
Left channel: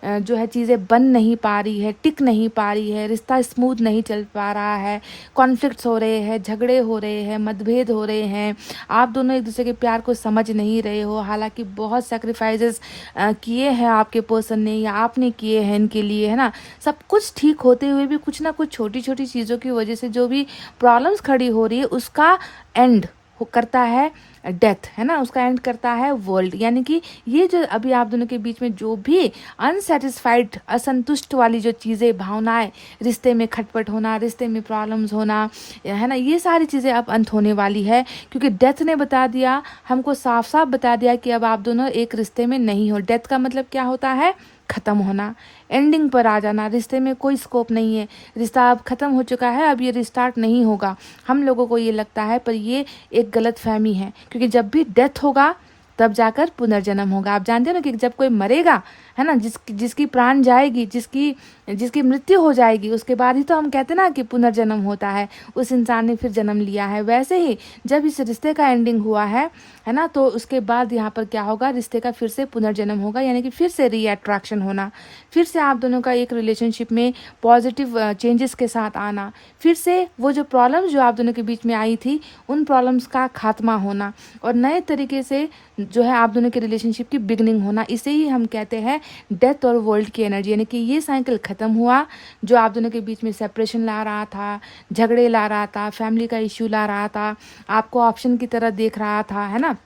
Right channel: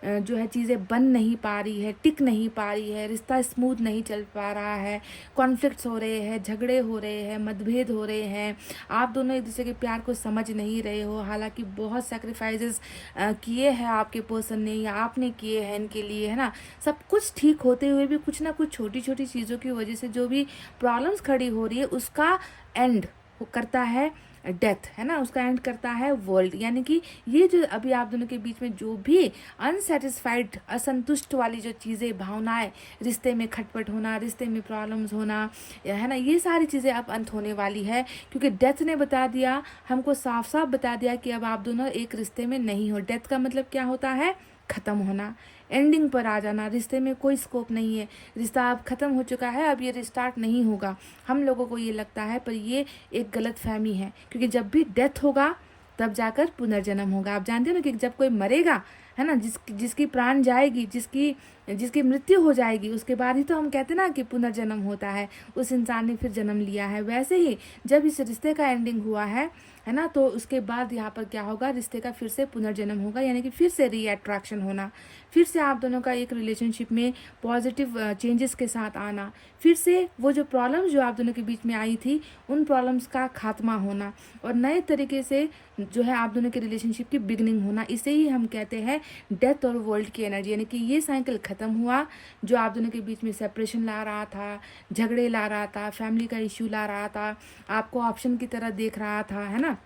जो है चीज़ें बन नहीं पा रही है, टिक नहीं पा रही है, रिश्ता स्मूथ नहीं चल पा रहा है, कॉन्फ्लिक्ट्स हो रहे हैं, झगड़े हो रहे हैं, मतभेद हो रहे हैं, आप दोनों एक दूसरे के प्यार को समझ नहीं रहे हो। हालांकि बहुत सेक्रीफाइसेस किए हैं आपके पर्सन ने या आपने किए हैं इनके लिए, है ना। सब कुछ ठीक होते हुए भी कुछ ना कुछ छोटी छोटी चीज़ों की वजह से जो भी प्रॉब्लम्स खड़ी हो रही है उसका एंड करता है डेथ, है ना, उसका एंड करता है वर्ल्ड। यानी कि ये जो अभी आप दोनों के बीच में जो भी अनसेटिस्फाइड, असंतुष्ट वाली जो चीज़ें, भावनाएं, रिश्ते में खटपट होना, रिश्ते में प्रॉब्लम्स होना, है ना, ये सारी चीज़ें अब अंत होने वाली है। क्योंकि डेथ ने बता दिया हमको, साफ साफ बता दिया कि अब आप दोनों एक रिश्ते में नहीं हो। डेथ का मतलब क्या होता है? ख़त्म होना, एंडिंग पर आ जाना, रिश्ते में कोई स्कोप नहीं है, रिश्ता अब ख़त्म हो चुका है, अब ये रिस्टार्ट नहीं होगा। हम लोगों को ये लगता है, पर ये एक गलत फहमी है। क्योंकि जब भी डेथ होगा तब जाकर पुनर्जन्म होगा। आप जानते हो ना कि जब कोई मरेगा, है ना, जिसकी प्राण जाएगी, जिसकी मृत्यु हो जाएगी, उसके बाद ही तो हम कहते हैं ना कि पुनर्जन्म होता है, उस इंसान ने फिर जन्म लिया है। वैसे ही जब इस रिश्ते का एंडिंग हुआ है ना, तो उसके बाद यहाँ पर क्या होगा, रिश्ते का फिर से पुनर्जन्म होगा। यानी कि फिर से रीअट्रैक्शन होना, फिर से आप दोनों का एक रिलेशनशिप में पॉजिटिव चेंजेस के साथ आना, फिर से वो जो प्रॉब्लम्स जो आप दोनों के बीच में आई थी उन प्रॉब्लम्स का खात्मा होना और नए तरीके से जो है आप दोनों के रिलेशनशिप की बिगनिंग होना। इसे ही हम कहते हैं डेथ और वर्ल्ड की एनर्जी। यानी कि ये साइकिल ख़त्म हुआ जो आप दोनों के बीच में सेपरेशन ला रहा था, झगड़े ला रहा था, फैमिली का इश्यू ला रहा था, आपको ऑप्शन की तरह देख रहा था, है ना,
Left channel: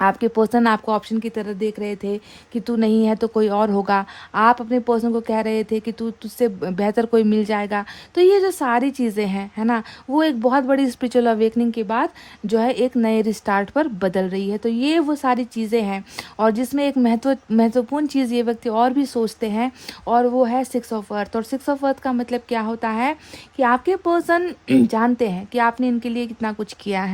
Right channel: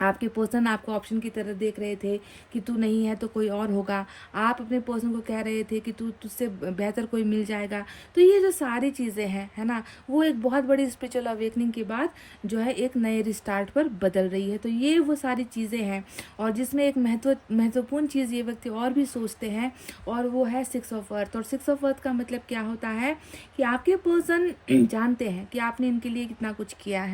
आपके पर्सन आपको ऑप्शन की तरह देख रहे थे कि तू नहीं है तो कोई और होगा। आप अपने पर्सन को कह रहे थे कि तुझसे बेहतर कोई मिल जाएगा। तो ये जो सारी चीज़ें हैं, है ना, वो एक बहुत बड़ी स्पिरिचुअल अवेकनिंग के बाद जो है एक नए रिस्टार्ट पर बदल रही है। तो ये वो सारी चीज़ें हैं और जिसमें एक महत्वपूर्ण चीज़ ये व्यक्ति और भी सोचते हैं और वो है 6 ऑफ अर्थ। और 6 ऑफ अर्थ का मतलब क्या होता है कि आपके पर्सन जानते हैं कि आपने इनके लिए कितना कुछ किया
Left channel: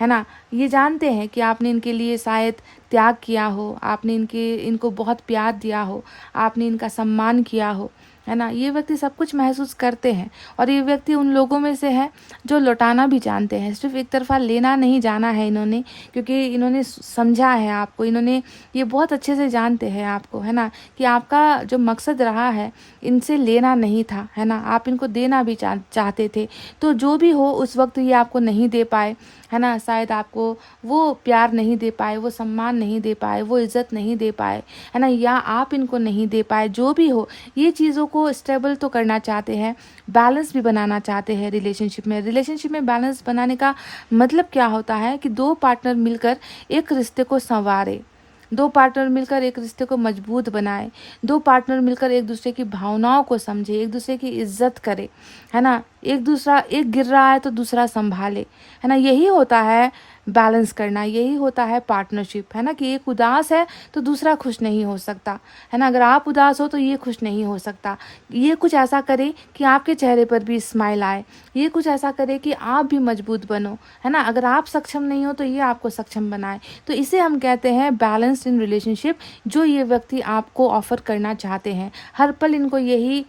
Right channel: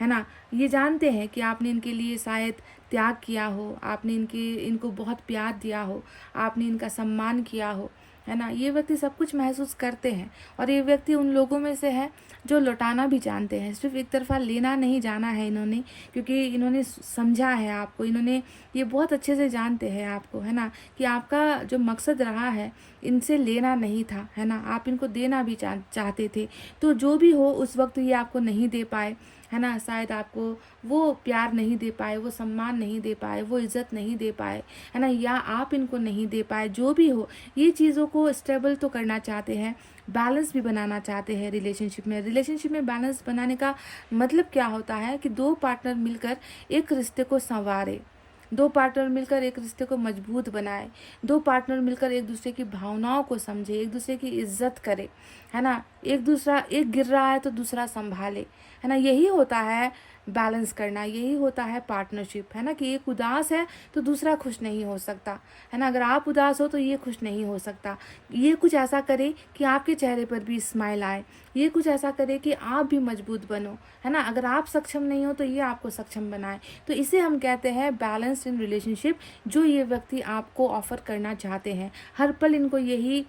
है ना, ये जानते हैं कि आपने इनके लिए शायद त्याग किया हो, आपने इनको बहुत प्यार दिया हो, आपने इनका सम्मान किया हो, है ना। ये व्यक्ति सब कुछ महसूस करते हैं और ये व्यक्ति उन लोगों में से है जो लौटाना भी जानते हैं। सिर्फ एक तरफा लेना नहीं जाना है इन्होंने, क्योंकि इन्होंने समझा है आपको, इन्होंने ये बहुत अच्छे से जानते हैं आपको, है ना, कि आपका जो मकसद रहा है इनसे लेना नहीं था, है ना, आप इनको देना भी चाहते थे। तो जो भी हो उस वक्त ये आपको नहीं दे पाए, है ना, शायद आपको वो प्यार नहीं दे पाए, वो सम्मान नहीं दे पाए, वो इज़्ज़त नहीं दे पाए, है ना, या आप इनको नहीं दे पाए। जो भी हो, ये चीज़ों को स्टेबल तो करना चाहते हैं, बैलेंस भी बनाना चाहते हैं रिलेशनशिप में बैलेंस बनाने का मतलब क्या होता है कि दो पार्टनर मिलकर एक रिश्ते को संवारे, दो पार्टनर मिलकर एक रिश्ते को मजबूत बनाए, दो पार्टनर मिलकर एक दूसरे की भावनाओं को समझे, एक दूसरे की इज्जत करे, है ना, एक गिर रहा है तो दूसरा संभाले, है ना। यही होता है बैलेंस करना, यही होता है पार्टनरशिप, है ना, कि एक उदास है तो दूसरा खुश नहीं हो सकता, है ना। अगर आप उदास हो तो ये खुश नहीं हो सकता। ये कुछ ऐसा करे कि आपके चेहरे पर भी स्माइल आए, ये कुछ ऐसा करे कि आप भी मजबूत बनो, है ना। अगर आप सक्षम नहीं हो तो ये आपको सक्षम बनाए। तो इसे हम कहते हैं बैलेंस इन रिलेशनशिप, जो ये व्यक्ति आपको ऑफर करना चाहते हैं। हर पल इनको यही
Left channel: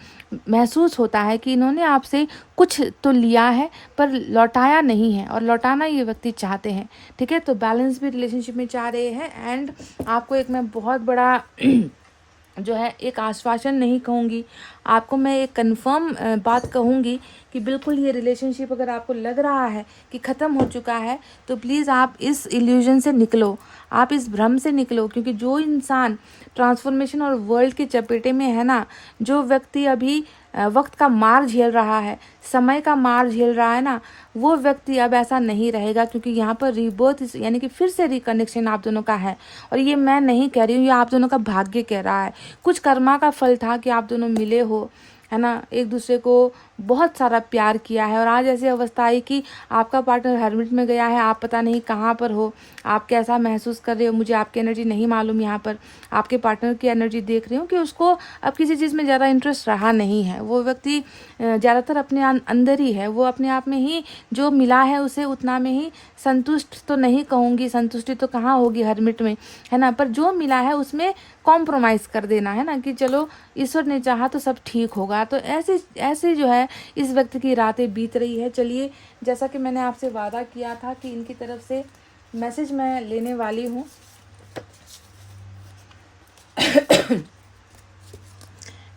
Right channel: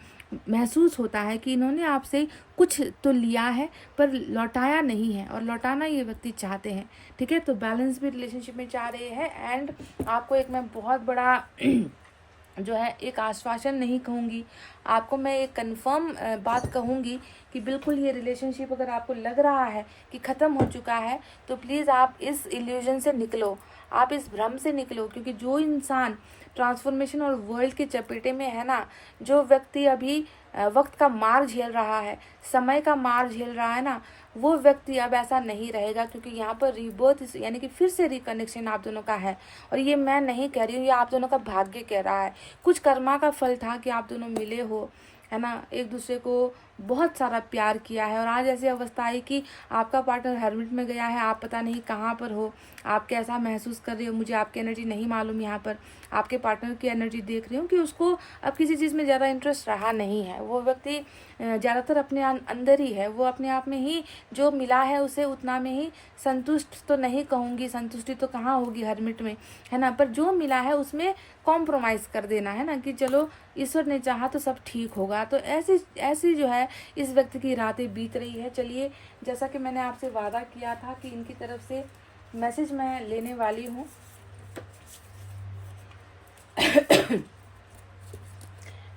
महसूस होता है कि इन्होंने आपसे कुछ तो लिया है पर लौटाया नहीं है और लौटाना ये व्यक्ति चाहते हैं, ठीक है। तो बैलेंस भी रिलेशनशिप में चाह रहे हैं। एंड आपको एक मैं बहुत बड़ा जो है एक आश्वासन नहीं कहूँगी, आपको मैं एक कंफर्म बात कहूँगी कि बिल्कुल ये रिलेशनशिप अगर आपको लग रहा है कि ख़त्म हो चुका है तो प्लीज़ आप इस इल्यूजन से निकलो, आप इस भ्रम से निकलो। क्योंकि जो इंसान ट्रांसफॉर्मेशन और वर्ल्ड के चपेटे में है ना, जो व्यक्ति अभी वक्त का मार झेल रहा है, समय का मार झेल रहा है ना, वो व्यक्ति अब ऐसा नहीं रहेगा। क्योंकि यहाँ पर रीबर्थ यानी कि फिर से रिकनेक्शन आप दोनों का है। और ये मैं नहीं कह रही हूँ, ये आप दोनों का भाग्य कह रहा है। कुछ कर्मा का फल था कि आप दोनों मिले हो, है ना, एक दूसरे को बहुत सारा प्यार किया है और आज ऐसी अवस्था आई कि आपका पार्टनर हर्मिट में गया है, आप पता नहीं कहाँ पर हो, आप कैसा महसूस कर रहे हो, मुझे आपकी एनर्जी नहीं मालूम। यहाँ पर आपके पार्टनर की एनर्जी देख रही हूँ कि उसको अब किसी चीज़ में ज़्यादा इंटरेस्ट रहा नहीं है। वो व्यक्ति ज़्यादातर अपने अंदर ही है, वो अपने आप में ही जो मिला है उसे उतना में ही संतुष्ट तो नहीं कहूँगी, संतुष्टि तो कहाँ होगी हर्मिट में, है ना, पर जो मिला है उसमें कॉम्प्रोमाइज़ कर देना, है ना, कि चलो ईश्वर ने चाहा तो सब ठीक होगा। तो ऐसे ऐसे जो है इस व्यक्ति की रातें बीत रही है। चलिए, जैसा कि मैंने आपसे वादा किया था कि इनकी तरफ से मैसेज मैं लेने वाली हूँ।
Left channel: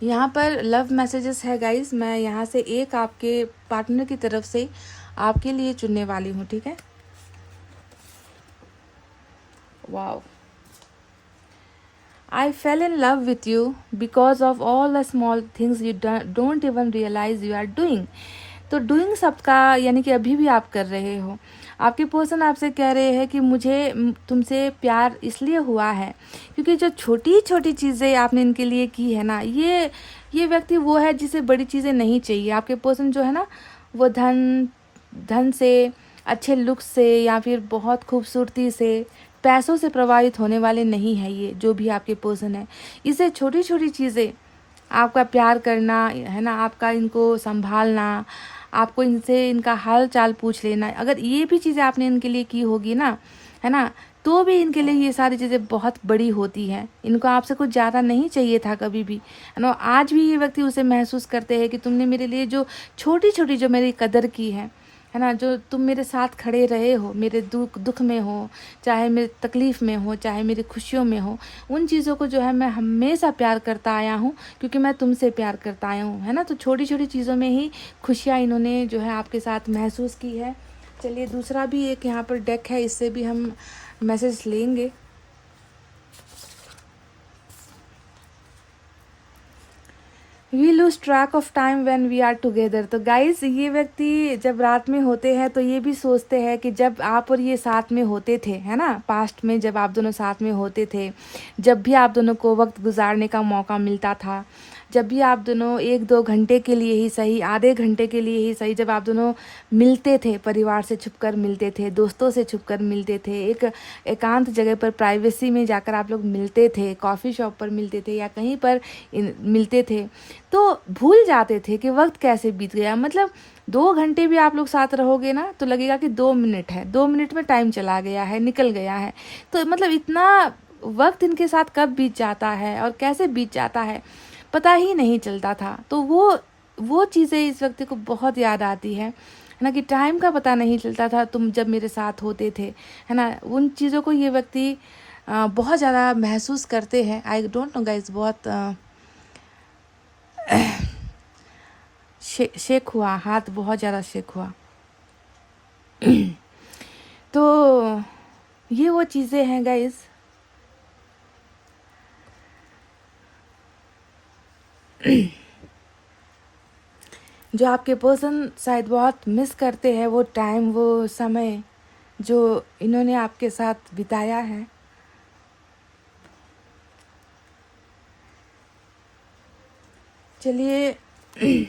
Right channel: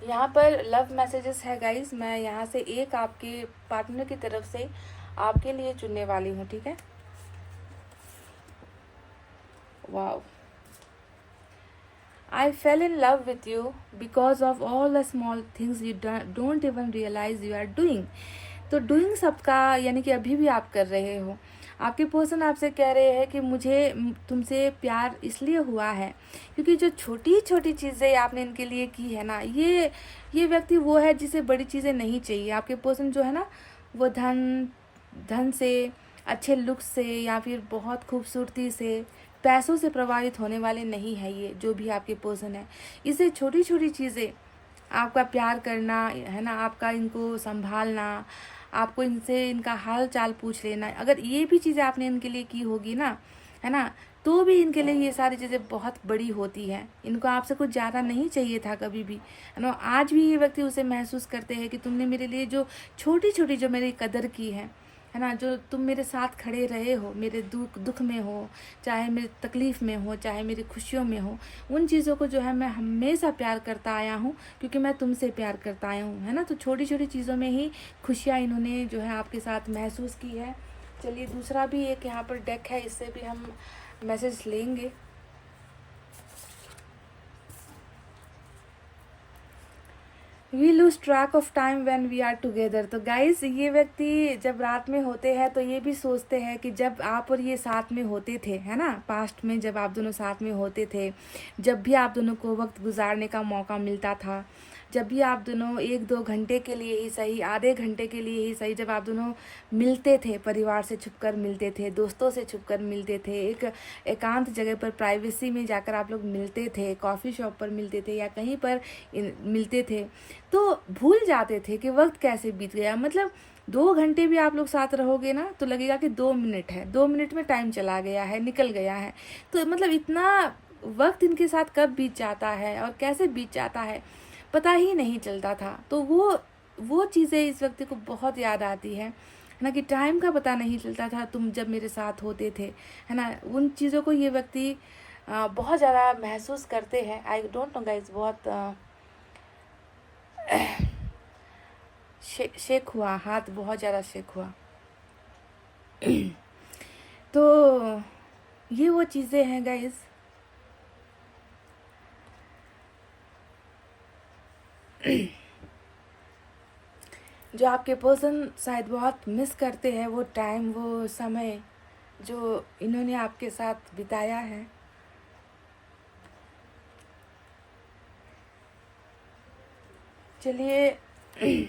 यहाँ पर लव मैसेजेस है गाइस, मैं यहाँ से एक आपके पार्टनर की तरफ से आपके लिए चुनने वाली हूँ, ठीक है। Wow, I fell in love with you because of all the small things you don't even realize you are doing। तो डूइंग सबका यानी कि अभी भी आप कर रहे हो। आपके पर्सन आपसे कह रहे हैं कि मुझे तुमसे प्यार इसलिए हुआ है क्योंकि जो छोटी छोटी चीज़ें आपने इनके लिए की है ना, ये व्यक्ति वो है जिसे बड़ी चीज़ें नहीं चाहिए। आपके पर्सन जो है ना, वो धन से, अच्छे लुक से या फिर बहुत खूबसूरती से, पैसों से प्रभावित होने वाले नहीं है। ये जो भी आपके पर्सन है, इसे छोटी छोटी चीज़ें, आपका प्यार करना, है ना, आपका इनको संभालना, आपको इनसे इनका हाल चाल पूछ लेना, अगर ये भी चीज़ें आपने इनके लिए की होगी ना, है ना, तो भी इनके लिए ये सारी चीज़ें बहुत बड़ी होती हैं। इनको आपसे कुछ ज़्यादा नहीं चाहिए था कभी भी, है ना। आज भी ये व्यक्ति उसे महसूस करते हैं कि तुमने मेरे लिए जो छोटी छोटी जो मेरी कदर की है ना, जो तुम मेरे साथ खड़े रहे हो, मेरे दुख में हो, चाहे मेरी तकलीफ़ में हो, चाहे मेरी खुशियों में हो, उन चीज़ों को जो है मैं हमेशा प्यार करता आया हूँ क्योंकि मैं तुमसे प्यार करता आया हूँ, है ना। तो छोटी छोटी चीज़ों में ही खुशियाँ इन्होंने जो है आपके साथ महसूस की है। चलिए, दूसरा भी एक यहाँ पर डेक है, इससे भी हम मैसेज लेंगे। We lose track of time when we are together. तो गाइज, ये व्यक्ति जब रात में होते हैं तो ये भी सोचते हैं कि जब आप और ये साथ में होते थे, है ना, पास्ट में जब आप दोनों साथ में होते थे, जब भी आप दोनों को वक्त गुजारने का मौका मिलता था, जब भी आप दोनों 1-2 घंटे के लिए ही सही, आधे घंटे के लिए ही सही, जब आप दोनों मिलते थे, परिवार से छुपकर मिलते थे, दोस्तों से छुपकर मिलते थे, एक एकांत जगह पर प्राइवेसी में जाकर आप लोग मिलते थे, कॉफ़ी शॉप पर मिलते थे या कहीं पर मिलते थे, तो भूल जाते थे कि वक्त कैसे बीत गया। मतलब 2 घंटे भी आप लोग साथ रहोगे ना तो लगेगा कि 2 मिनट है, 2 मिनट में टाइम चला गया है, निकल गया है। तो मतलब इतना वक्त इनके साथ कब बीत जाता है और कैसे बीत जाता है पता ही नहीं चलता था। तो वो चीज़ें इस व्यक्ति को बहुत याद आती है ना, कि टाइम का पता नहीं चलता था तुम जब मेरे साथ होते थे, है ना। उन चीज़ों को ये व्यक्ति बहुत ज़्यादा महसूस करते हैं। आई डोंट नो गाइज, बहुत शेक हुआ, हाथ बहुत ज़्यादा शेक हुआ। तो ये वो चीज़ें हैं गाइज जो आपके पर्सन शायद बहुत मिस करते हैं, वो टाइम, वो समय जो इन्होंने आपके साथ बिताया है। चलिए, आई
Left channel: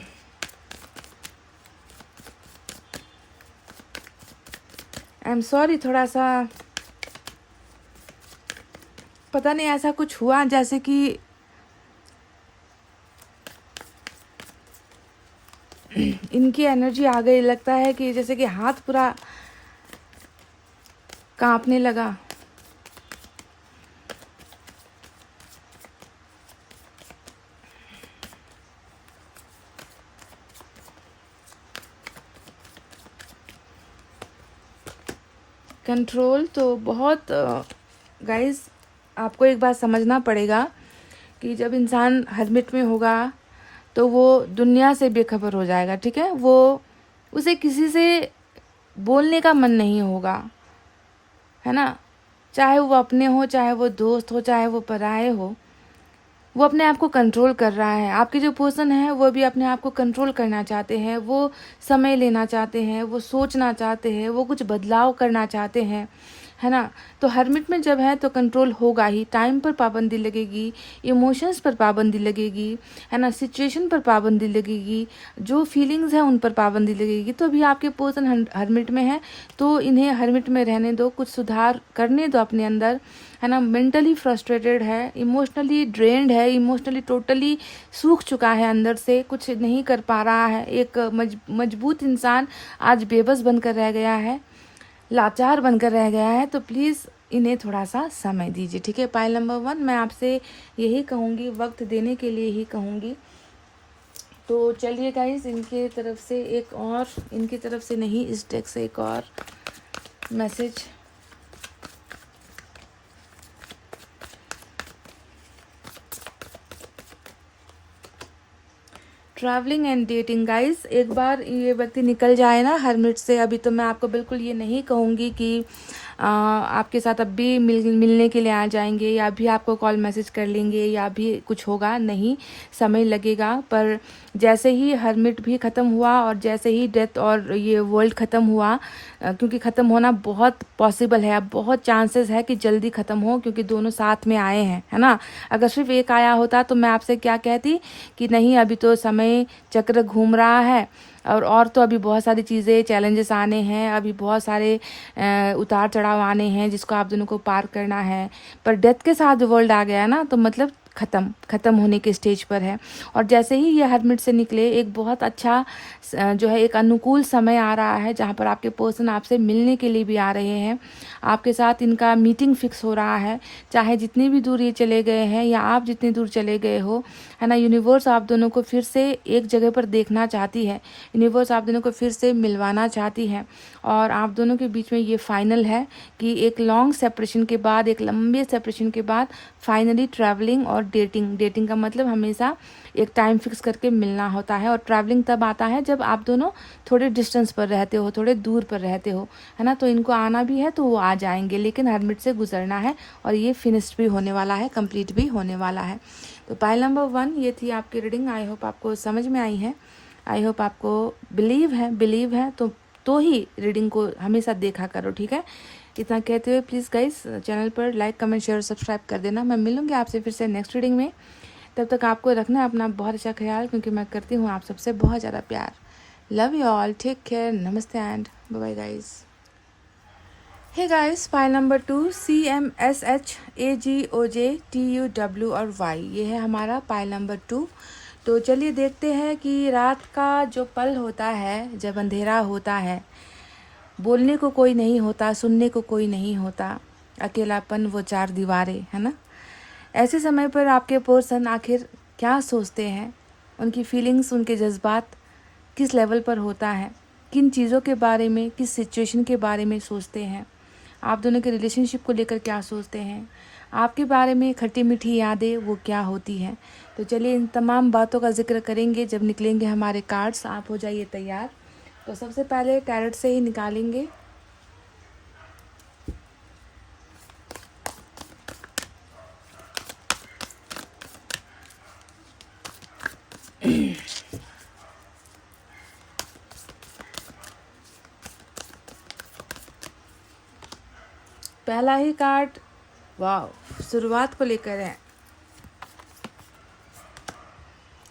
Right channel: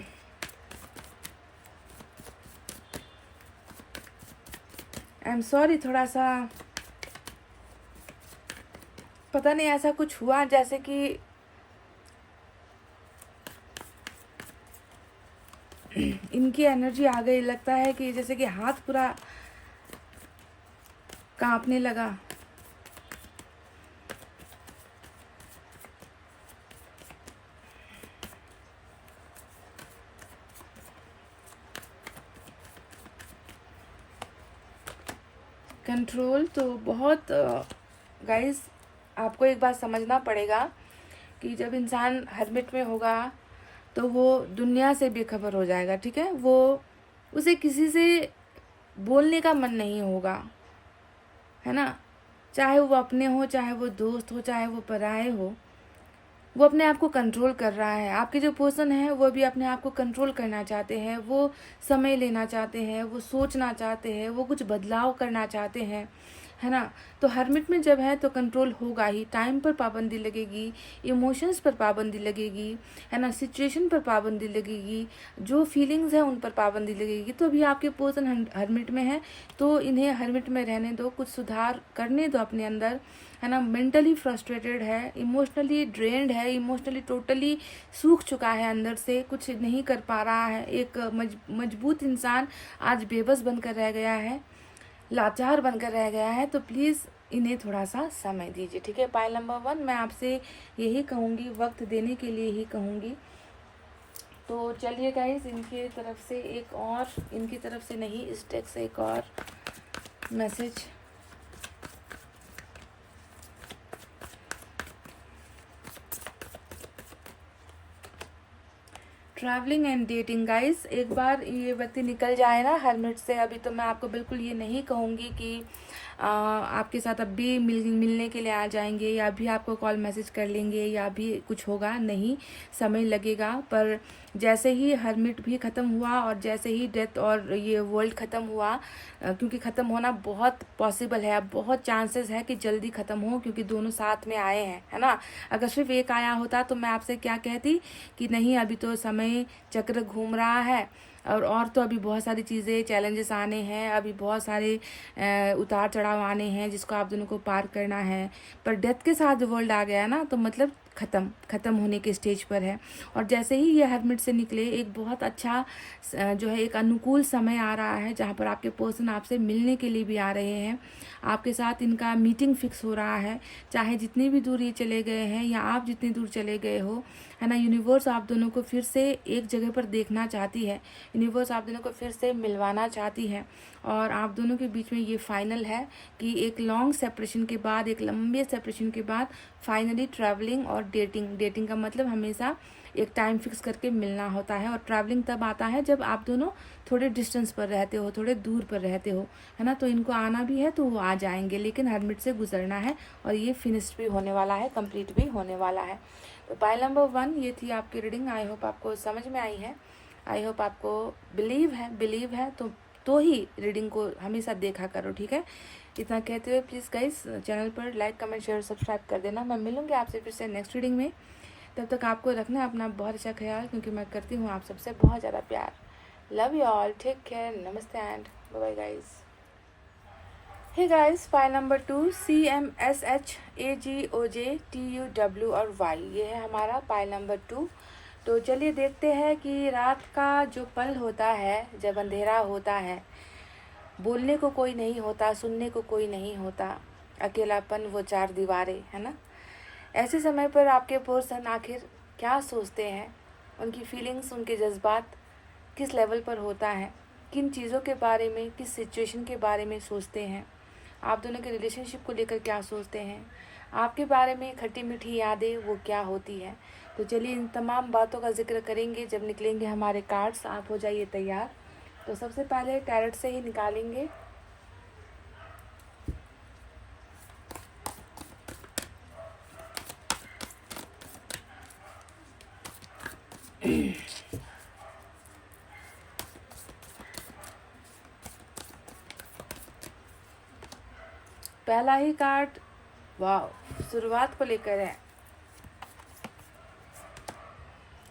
एम सॉरी, थोड़ा सा पता नहीं ऐसा कुछ हुआ जैसे कि इनकी एनर्जी आ गई। लगता है कि जैसे कि हाथ पूरा कांपने लगा। कंट्रोल तो बहुत गाइस, आपको एक बात समझना पड़ेगा कि जब इंसान हर्मिट में होगा तो वो दुनिया से बेखबर हो जाएगा, ठीक है। वो उसे किसी से बोलने का मन नहीं होगा, है ना, चाहे वो अपने हो, चाहे वो दोस्त हो, चाहे वो पराए हो। वो अपने आप को कंट्रोल कर रहा है। आपके जो पर्सन है वो भी अपने आप को कंट्रोल करना चाहते हैं, वो समय लेना चाहते हैं, वो सोचना चाहते हैं, वो कुछ बदलाव करना चाहते हैं, है ना। तो हर्मिट में जब है तो कंट्रोल होगा ही, टाइम पर पाबंदी लगेगी, इमोशंस पर पाबंदी लगेगी, है ना, सिचुएशन पर पाबंदी लगेगी, जो फीलिंग्स हैं उन पर पाबंदी लगेगी। तो अभी आपके पर्सन हर्मिट में है तो इन्हें हर्मिट में रहने दो, कुछ सुधार करने दो अपने अंदर, है ना। मेंटली फ्रस्ट्रेटेड है, इमोशनली ड्रेन्ड है, इमोशनली टोटली सूख चुका है, अंदर से कुछ नहीं कर पा रहा है। एक मजबूत इंसान आज बेबस बनकर रह गया है, लाचार बनकर रह गया है। तो प्लीज़ इन्हें थोड़ा सा समय दीजिए, ठीक है। पाइल नंबर 1 मैं आपसे यही कहूँगी, वक्त देने के लिए ही कहूँगी। तो चलिए गाइस, इनके तरफ से एक और, इनकी तरफ से नहीं, इस डेक से एक और message. Travelling and dating guys, एक बार ये व्यक्ति निकल जाए ना हर्मिट से, अभी तो मैं आपको बिल्कुल ये नहीं कहूँगी कि आपके साथ अब भी मिलने के लिए आ जाएंगे या अभी आपको कॉल मैसेज कर लेंगे या अभी कुछ होगा, नहीं, समय लगेगा। पर जैसे ही हर्मिट भी ख़त्म हुआ और जैसे ही डेथ और ये वर्ल्ड ख़त्म हुआ, क्योंकि ख़त्म होना बहुत पॉसिबल है, अब बहुत चांसेस है कि जल्दी ख़त्म हो, क्योंकि दोनों साथ में आए हैं, है ना। अगर सिर्फ एक आया होता तो मैं आपसे क्या कहती कि नहीं, अभी तो समय चक्र घूम रहा है और तो अभी बहुत सारी चीज़ें, चैलेंजेस आने हैं, अभी बहुत सारे उतार चढ़ाव आने हैं जिसको आप दोनों को पार करना है। पर डेथ के साथ वर्ल्ड आ गया ना, तो मतलब ख़त्म होने के स्टेज पर है। और जैसे ही ये हर्मिट से निकले, एक बहुत अच्छा जो है, एक अनुकूल समय आ रहा है जहाँ पर आपके पर्सन आपसे मिलने के लिए भी आ रहे हैं, आपके साथ इनका मीटिंग फिक्स हो रहा है। चाहे जितनी भी दूर ये चले गए हैं या आप जितनी दूर चले गए हो, है ना, यूनिवर्स आप दोनों को फिर से एक जगह पर देखना चाहती है, यूनिवर्स आप दोनों को फिर से मिलवाना चाहती है। और आप दोनों के बीच में ये फाइनल है कि एक लॉन्ग सेपरेशन के बाद, एक लंबे सेपरेशन के बाद फाइनली ट्रैवलिंग और डेटिंग का मतलब हमेशा एक टाइम फिक्स करके मिलना होता है। और ट्रैवलिंग तब आता है जब आप दोनों थोड़े डिस्टेंस पर रहते हो, थोड़े दूर पर रहते हो, है ना। तो इनको आना भी है तो वो आ जाएंगे, लेकिन हर्मिट से गुजरना है और ये फिनिश्ड भी होने वाला है, कंप्लीट भी होने वाला है। तो पाइल नंबर 1 ये थी आपकी रीडिंग। आई होप आपको समझ में आई है, आई होप आपको बिलीव है तो ही रीडिंग को हमेशा देखा करो, ठीक है। इतना कहते हुए प्लीज़ गाइस, चैनल पर लाइक कमेंट शेयर सब्सक्राइब कर देना। मैं मिलूंगी आपसे फिर से नेक्स्ट रीडिंग में। तब तक आपको रखना अपना बहुत अच्छा ख्याल, क्योंकि मैं करती हूँ आप सबसे बहुत ज़्यादा प्यार। Love you all, take care, नमस्ते and bye bye guys. Hey guys, file number 2 CMSHAGOJTUW और Y, ये है हमारा फाइल नंबर 2। तो चलिए देखते हैं कि रात का जो पल होता है, जब अंधेरा होता है, बोलने को कोई नहीं होता, सुनने को कोई नहीं होता, अकेलापन वो 4 दीवारें, है ना। ऐसे समय पर आपके पर्सन आखिर क्या सोचते हैं, उनकी फीलिंग्स, उनके जज्बात किस लेवल पर होता है, किन चीज़ों के बारे में, किस सिचुएशन के बारे में सोचते हैं, आप दोनों के रिलेशनशिप को लेकर क्या सोचते हैं, आपके बारे में खट्टी मीठी यादें वो क्या होती हैं। तो चलिए इन तमाम बातों का जिक्र करेंगे जब निकलेंगे हमारे कार्ड्स। आप हो जाइए तैयार। तो सबसे पहले टैरट से ही निकालेंगे। पहला ही कार्ड, वाह, शुरुआत को लेकर है,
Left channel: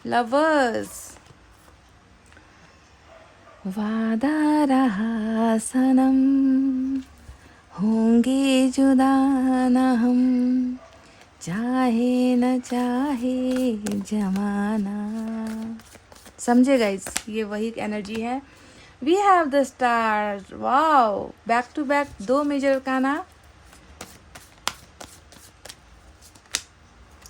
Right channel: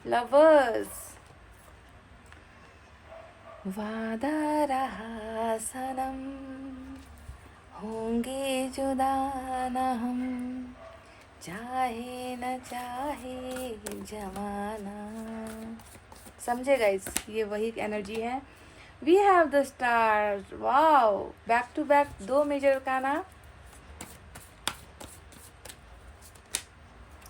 लवर्स। वादा रहा सनम, होंगे जुदा न हम, चाहे न चाहे जमाना। समझे गाइस, ये वही एनर्जी है। We have the stars, wow, back to back 2 major का ना,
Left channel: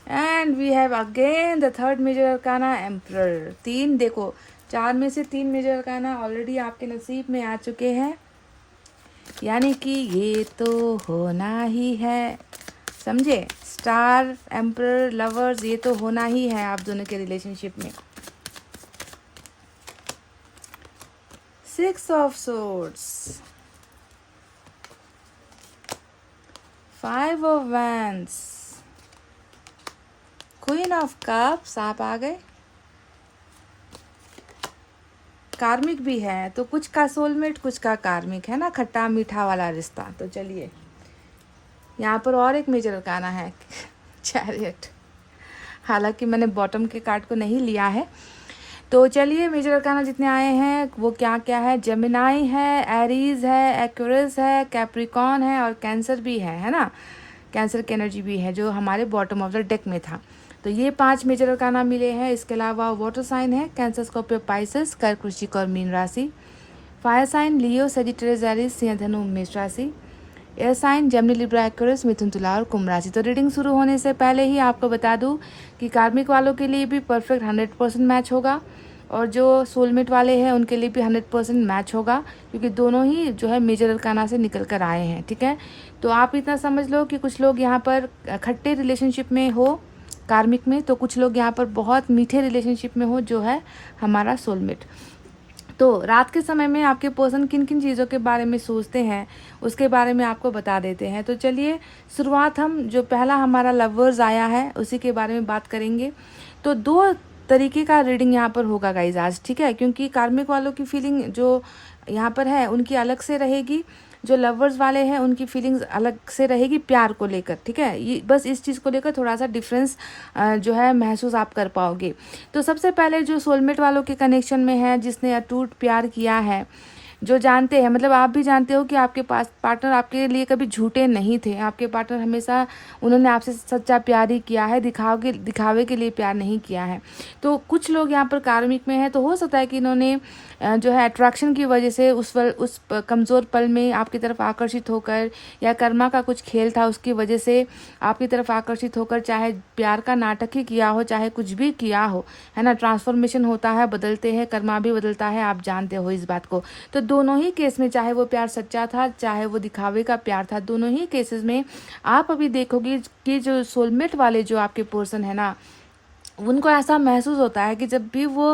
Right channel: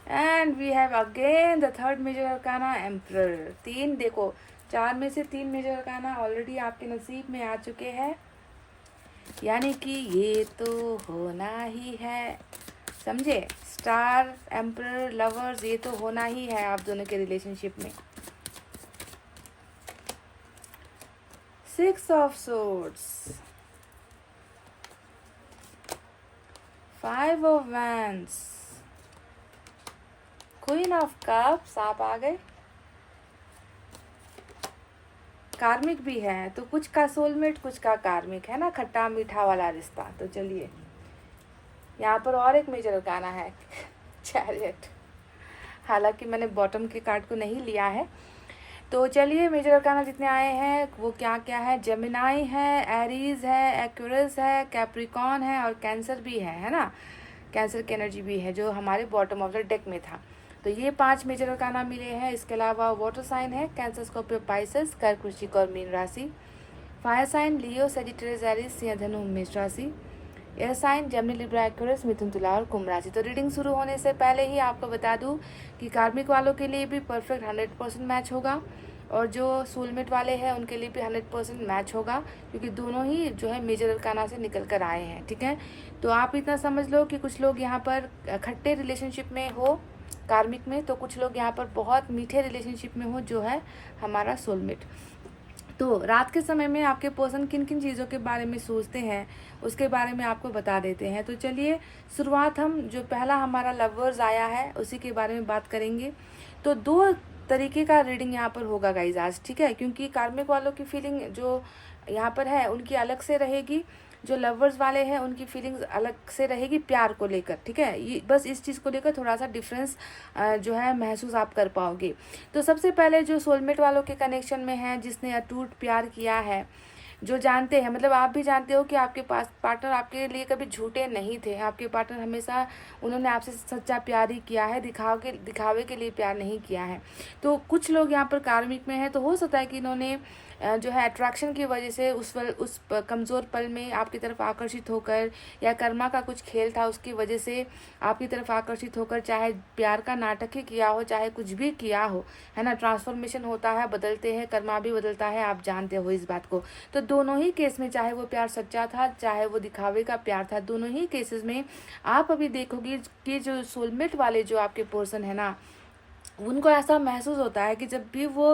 and we have again the 3rd major arcana, emperor. 3 देखो, 4 में से 3 मेजर अरकाना ऑलरेडी आपके नसीब में आ चुके हैं, यानी कि ये तो होना ही है, समझे। स्टार, एम्परर, लवर्स, ये तो होना ही है आप दोनों के रिलेशनशिप में। 6 of swords, 5 of wands, queen of cups, आप आ गए। कार्मिक भी है, तो कुछ का सोलमेट, कुछ का कार्मिक, है ना, खट्टा मीठा वाला रिश्ता। तो चलिए यहाँ पर और एक मेजर अरकाना है चैरियट, हालांकि मैंने बॉटम के कार्ड को नहीं लिया है। तो चलिए मेजर अरकाना जितने आए हैं वो क्या क्या है। जेमिनाई है, एरीज है, एक्वेरियस है, कैप्रिकॉन है और कैंसर भी है ना, कैंसर की एनर्जी भी है जो हमारे बॉटम ऑफ द डेक में था। तो ये 5 मेजर अरकाना मिले हैं। इसके अलावा वाटर साइन है कैंसर, स्कॉर्पियो, पाइसेस, कर्क, वृश्चिक और मीन राशि। Fire sign Leo, Sagittarius, Aries, सिंह, धनु, मेष राशि। Air sign Gemini, Libra, Aquarius, मिथुन, तुला और कुंभ राशि। तो रीडिंग शुरू होने से पहले ही आपको बता दूं कि कार्मिक वालों के लिए भी परफेक्ट 100% मैच होगा और जो सोलमेट वाले हैं उनके लिए भी 100% मैच होगा, क्योंकि दोनों ही जो है मेजर अरकाना से निकल कर आए हैं। ठीक है, तो आप इतना समझ लो कि कुछ लोग यहाँ पर खट्टे रिलेशनशिप में हो कार्मिक में, तो कुछ लोग यहाँ पर बहुत मीठे रिलेशनशिप में हो जो है हमारा सोलमेट। तो रात के समय में आपके पर्सन किन किन चीज़ों के बारे में सोचते हैं उसके बारे में आपको बता देते हैं। तो चलिए शुरुआत हम जो पहला हमारा लवर्स आया है उसी के बारे में बात करेंगे। तो 2 तरीके का रीडिंग यहाँ पर होगा गाइज आज, ठीक है, क्योंकि कार्मिक वालों की फीलिंग जो यहाँ पर है उनकी अलग से रहेगी, जो लवर्स वाले हैं उनकी फीलिंग्स अलग से रहेगी प्यार को लेकर। ठीक है, ये बस इस चीज़ को लेकर थोड़ा सा डिफरेंस जो है महसूस आप कर पाओगे। तो सबसे पहले जो सोलमेट वालों के कनेक्शन में है, जिसने अटूट प्यार किया है, जो जानते हैं, मतलब आप भी जानते हो कि आपके पास पार्टनर आपके लिए कभी झूठे नहीं थे। आपके पार्टनर हमेशा उन्होंने आपसे सच्चा प्यार ही किया है, दिखावे के लिए प्यार नहीं किया है। तो कुछ लोग यहाँ पर कार्मिक में है, तो हो सकता है कि इन्होंने जो है अट्रैक्शन की वजह से उस कमज़ोर पल में आपकी तरफ आकर्षित होकर, या कर्मा का कुछ खेल था उसकी वजह से आपकी तरफ आकर्षित होकर, चाहे प्यार का नाटक ही किया हो, चाहे कुछ भी किया हो, है ना। ट्रांसफॉर्मेशन होता है, बदलते हैं, कर्मा भी बदलता है, आप जानते हो इस बात को। तो दोनों ही केस में, चाहे वो प्यार सच्चा था चाहे वो दिखावे का प्यार था, दोनों ही केसेस में आप अभी देखोगे कि जो सोलमेट वाले जो आपके पर्सन है ना, उनको ऐसा महसूस होता है कि जब भी वो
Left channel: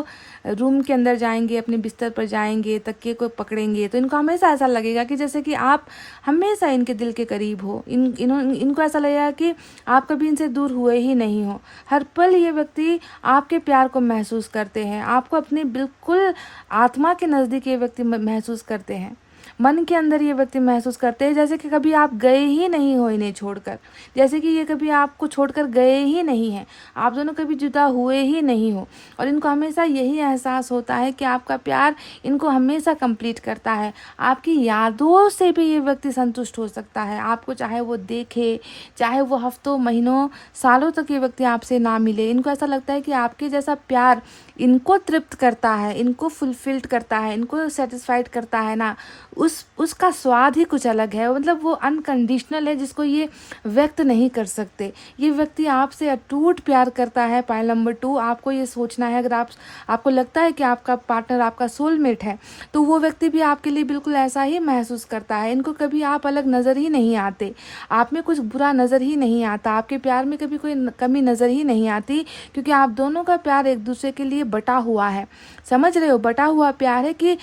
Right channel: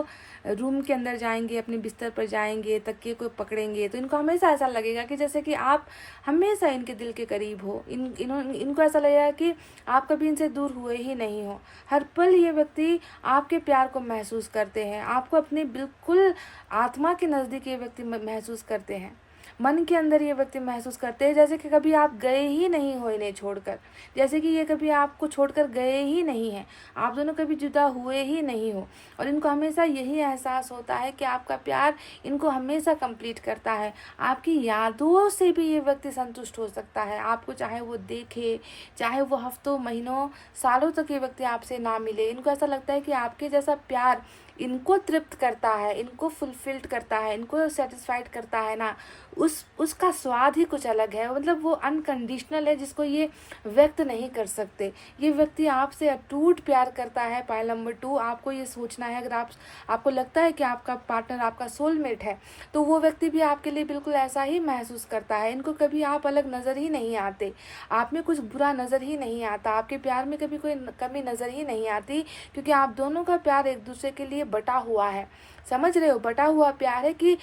रूम के अंदर जाएंगे, अपने बिस्तर पर जाएंगे, तकिए को पकड़ेंगे, तो इनको हमेशा ऐसा लगेगा कि जैसे कि आप हमेशा इनके दिल के करीब हो। इनको ऐसा लगेगा कि आप कभी इनसे दूर हुए ही नहीं हो। हर पल ये व्यक्ति आपके प्यार को महसूस करते हैं, आपको अपनी बिल्कुल आत्मा के नज़दीक ये व्यक्ति महसूस करते हैं। मन के अंदर ये व्यक्ति महसूस करते हैं जैसे कि कभी आप गए ही नहीं हो इन्हें छोड़कर, जैसे कि ये कभी आपको छोड़कर गए ही नहीं हैं, आप दोनों कभी जुदा हुए ही नहीं हो। और इनको हमेशा यही एहसास होता है कि आपका प्यार इनको हमेशा कंप्लीट करता है। आपकी यादों से भी ये व्यक्ति संतुष्ट हो सकता है, आपको चाहे वो देखे, चाहे वो हफ्तों, महीनों, सालों तक ये व्यक्ति आपसे ना मिले, इनको ऐसा लगता है कि आपके जैसा प्यार इनको तृप्त करता है, इनको फुलफिल्ड करता है, इनको सेटिस्फाइड करता है ना, उसका स्वाद ही कुछ अलग है। मतलब वो अनकंडीशनल है, जिसको ये व्यक्त नहीं कर सकते। ये व्यक्ति आपसे अटूट प्यार करता है। पॉइंट नंबर 2, आपको ये सोचना है, अगर आपको लगता है कि आपका पार्टनर आपका सोलमेट है, तो वो व्यक्ति भी आपके लिए बिल्कुल ऐसा ही महसूस करता है। इनको कभी आप अलग नज़र ही नहीं आते, आप में कुछ बुरा नज़र ही नहीं आता, आपके प्यार में कभी कोई कमी नज़र ही नहीं आती, क्योंकि आप दोनों का प्यार एक दूसरे के लिए बटा हुआ है। समझ रहे हो, बटा हुआ प्यार है कि